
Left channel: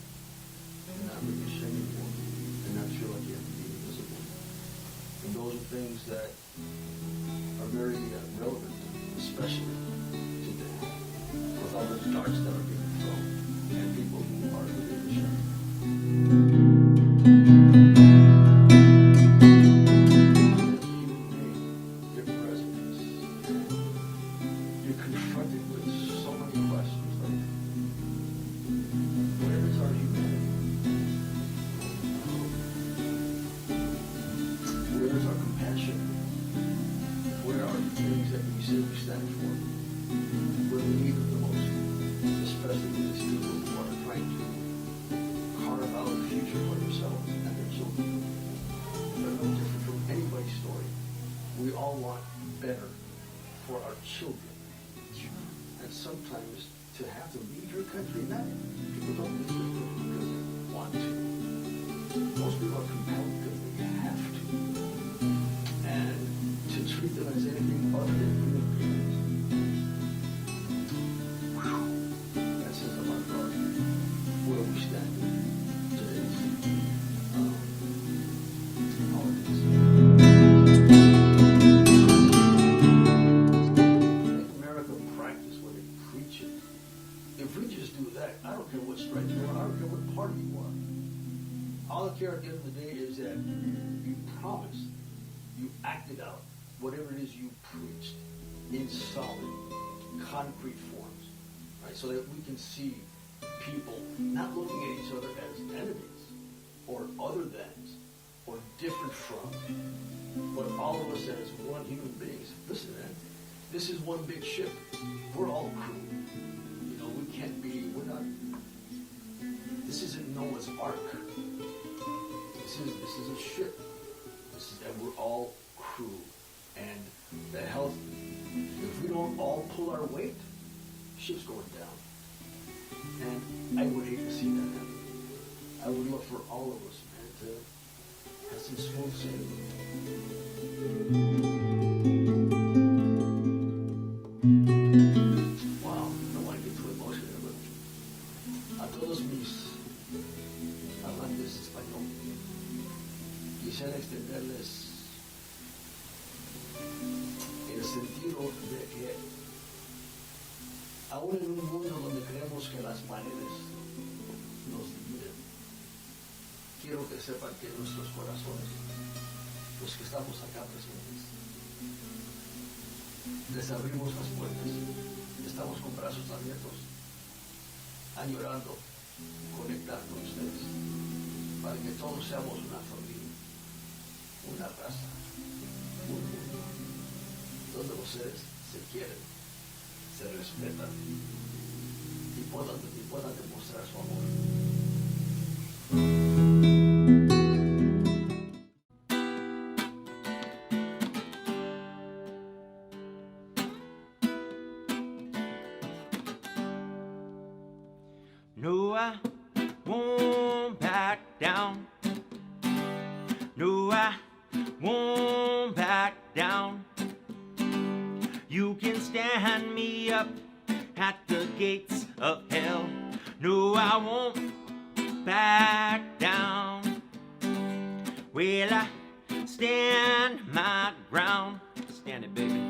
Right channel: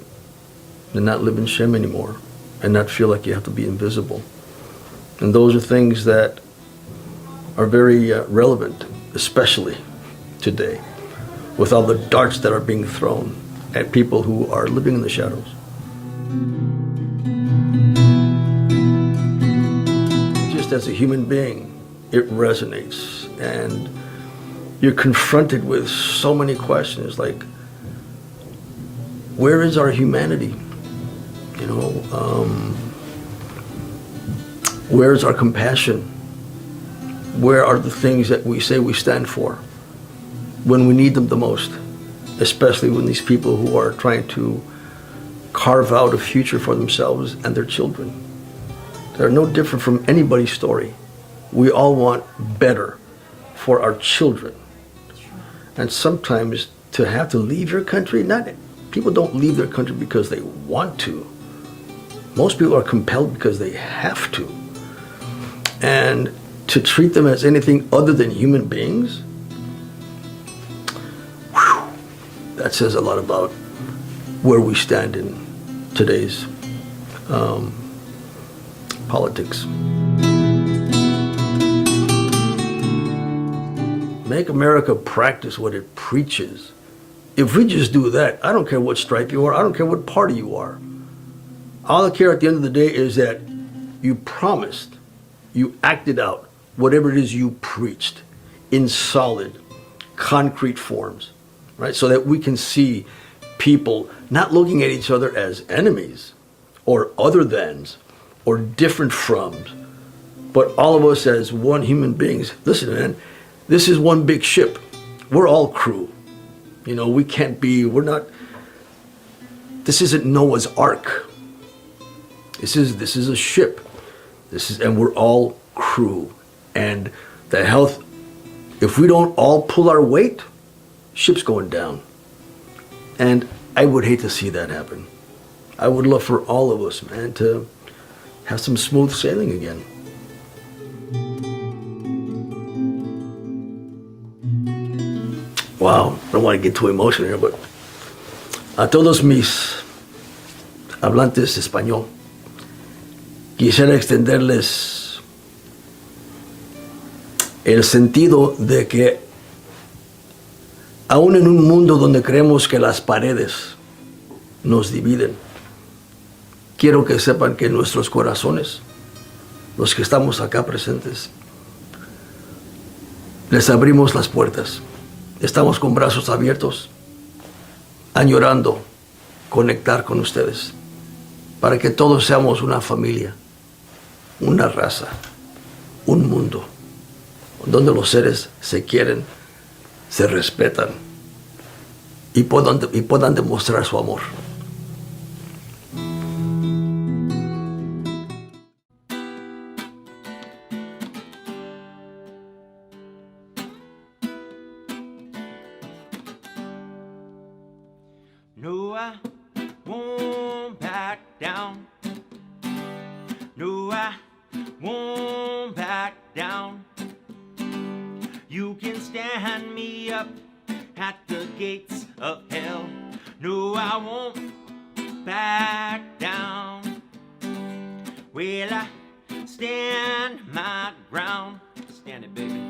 and not live in shame anymore and not feel like you have to be invisible. And those are things that are very relevant, especially today, with all the darts that are being thrown at people who are living in the shadows. Just as a human being, it resonates, and you're confronted with so many questions like, where is our humanity? You know, where's our compassion? Where are the things that we say we stand for when we need them the most? Especially when these people who are trying to carve out a future for themselves and their children. They're no different from anybody's story. We all want better for our children. And sometimes to have to leave your country, people don't leave their country because they want to. Most people are compelled because they have to. And to treat them as anything other than human beings, that says a lot about where we stand in today's politics. Make America practice what it preaches. If we just do that, I don't care what stripe you are, I don't care what party you are. All I care at the end of the day is that you promised, you acted out whatever it is you preached in solid, concrete forms, right? So that we can see people not looking at each other as enemies or other thans or different froms, but all of us as one human beings. Listen, man, this is one big ship. We're all crew. You know, we can't be, this isn't Noah's Ark. This is a ship. And we're all crew. And the health, if we don't all pull our weight, ship's going down. And I would hate to see that happen. I would love for all of us, man, to have some smooth sailing again. Wow, I don't want to get too emotional here, but a todos mis hablantes español, quisiera extenderles el sentido de que aún en un mundo donde creemos que las paredes nos dividen, quiero que sepan que nuestros corazones, los que estamos acá presentes, les abrimos las puertas estamos con brazos abiertos, añorando conectar con ustedes, para que todos seamos una familia, una raza, un mundo, donde los seres se quieren, se respetan y puedan demostrar su amor. No, I won't back down. No, I won't back down. You can stand me up at the gates of hell. No, I won't back down. Well, I stand my ground. Stand it, baby.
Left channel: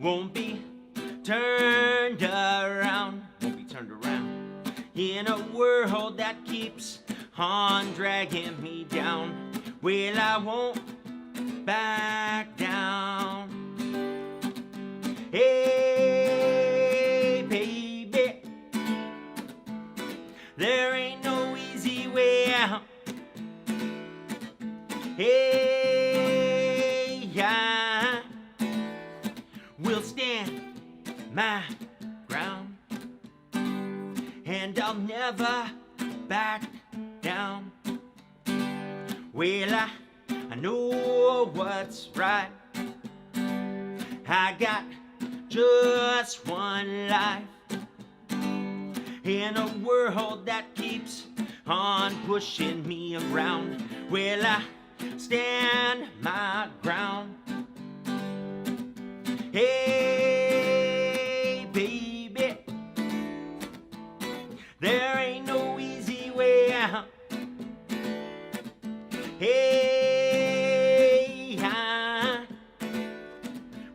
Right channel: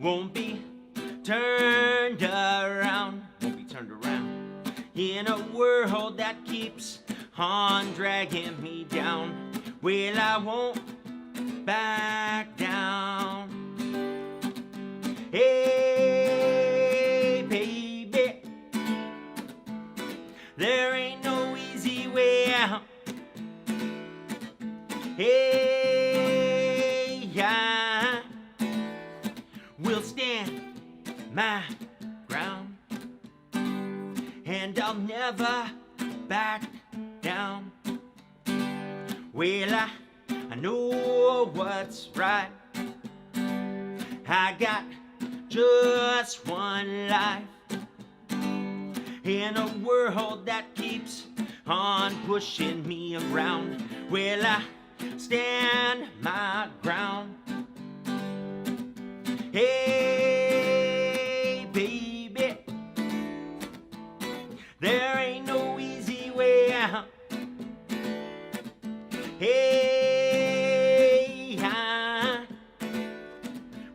Won't be turned around. Won't be turned around. In a world that keeps on dragging me down. Well, I won't back down. Hey, baby, there ain't no easy way out. Hey, I will stand my ground, and I'll never back down. Well, I know what's right. I got just one life in a world that keeps on pushing me around. Well, I stand my ground. Hey, baby, there ain't no easy way out. Hey, I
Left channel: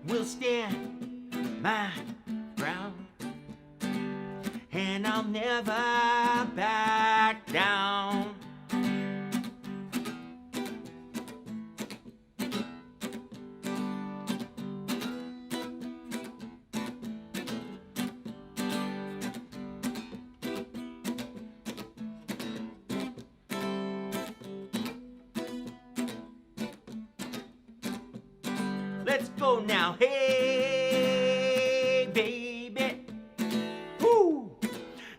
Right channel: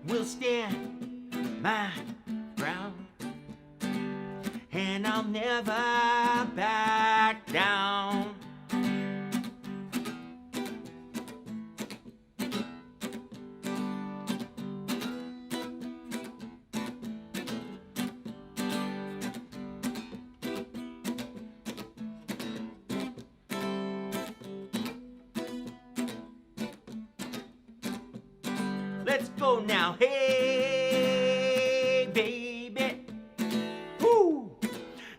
will stand my ground, and I'll never back down. Let's go now, hey, baby. Woo!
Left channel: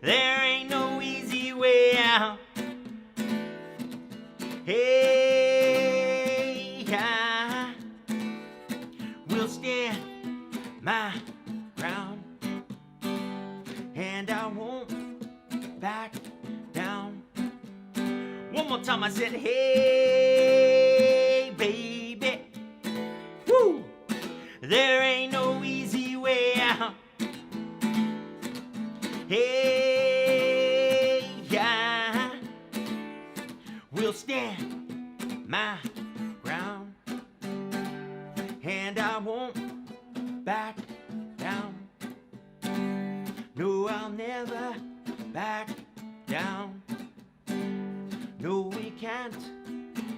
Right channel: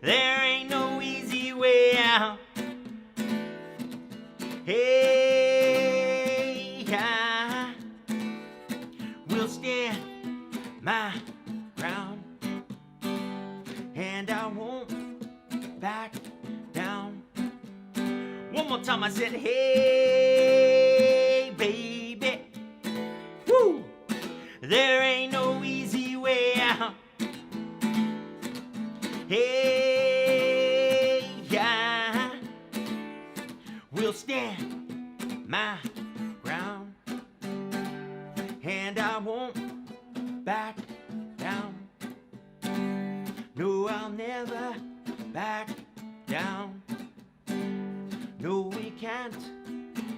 There ain't no easy way out. Hey, I will stand my ground, and I won't back down. One more time I said, hey, baby. Woo! There ain't no easy way out. Hey, I will stand my ground, and I won't back down. No, I'll never back down. No, we can't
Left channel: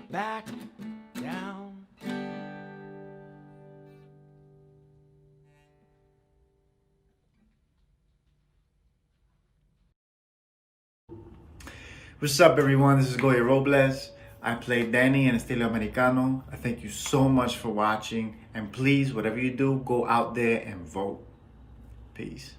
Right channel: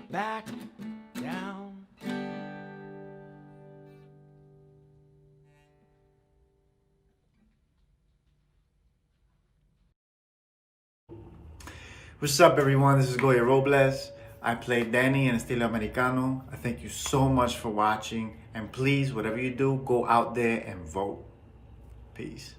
back down. What's up, everyone? This is Goya Robles. I play Danny in Estilo Americano. I thank you so much for watching. And please, whatever you do, go out there and vote. Peace.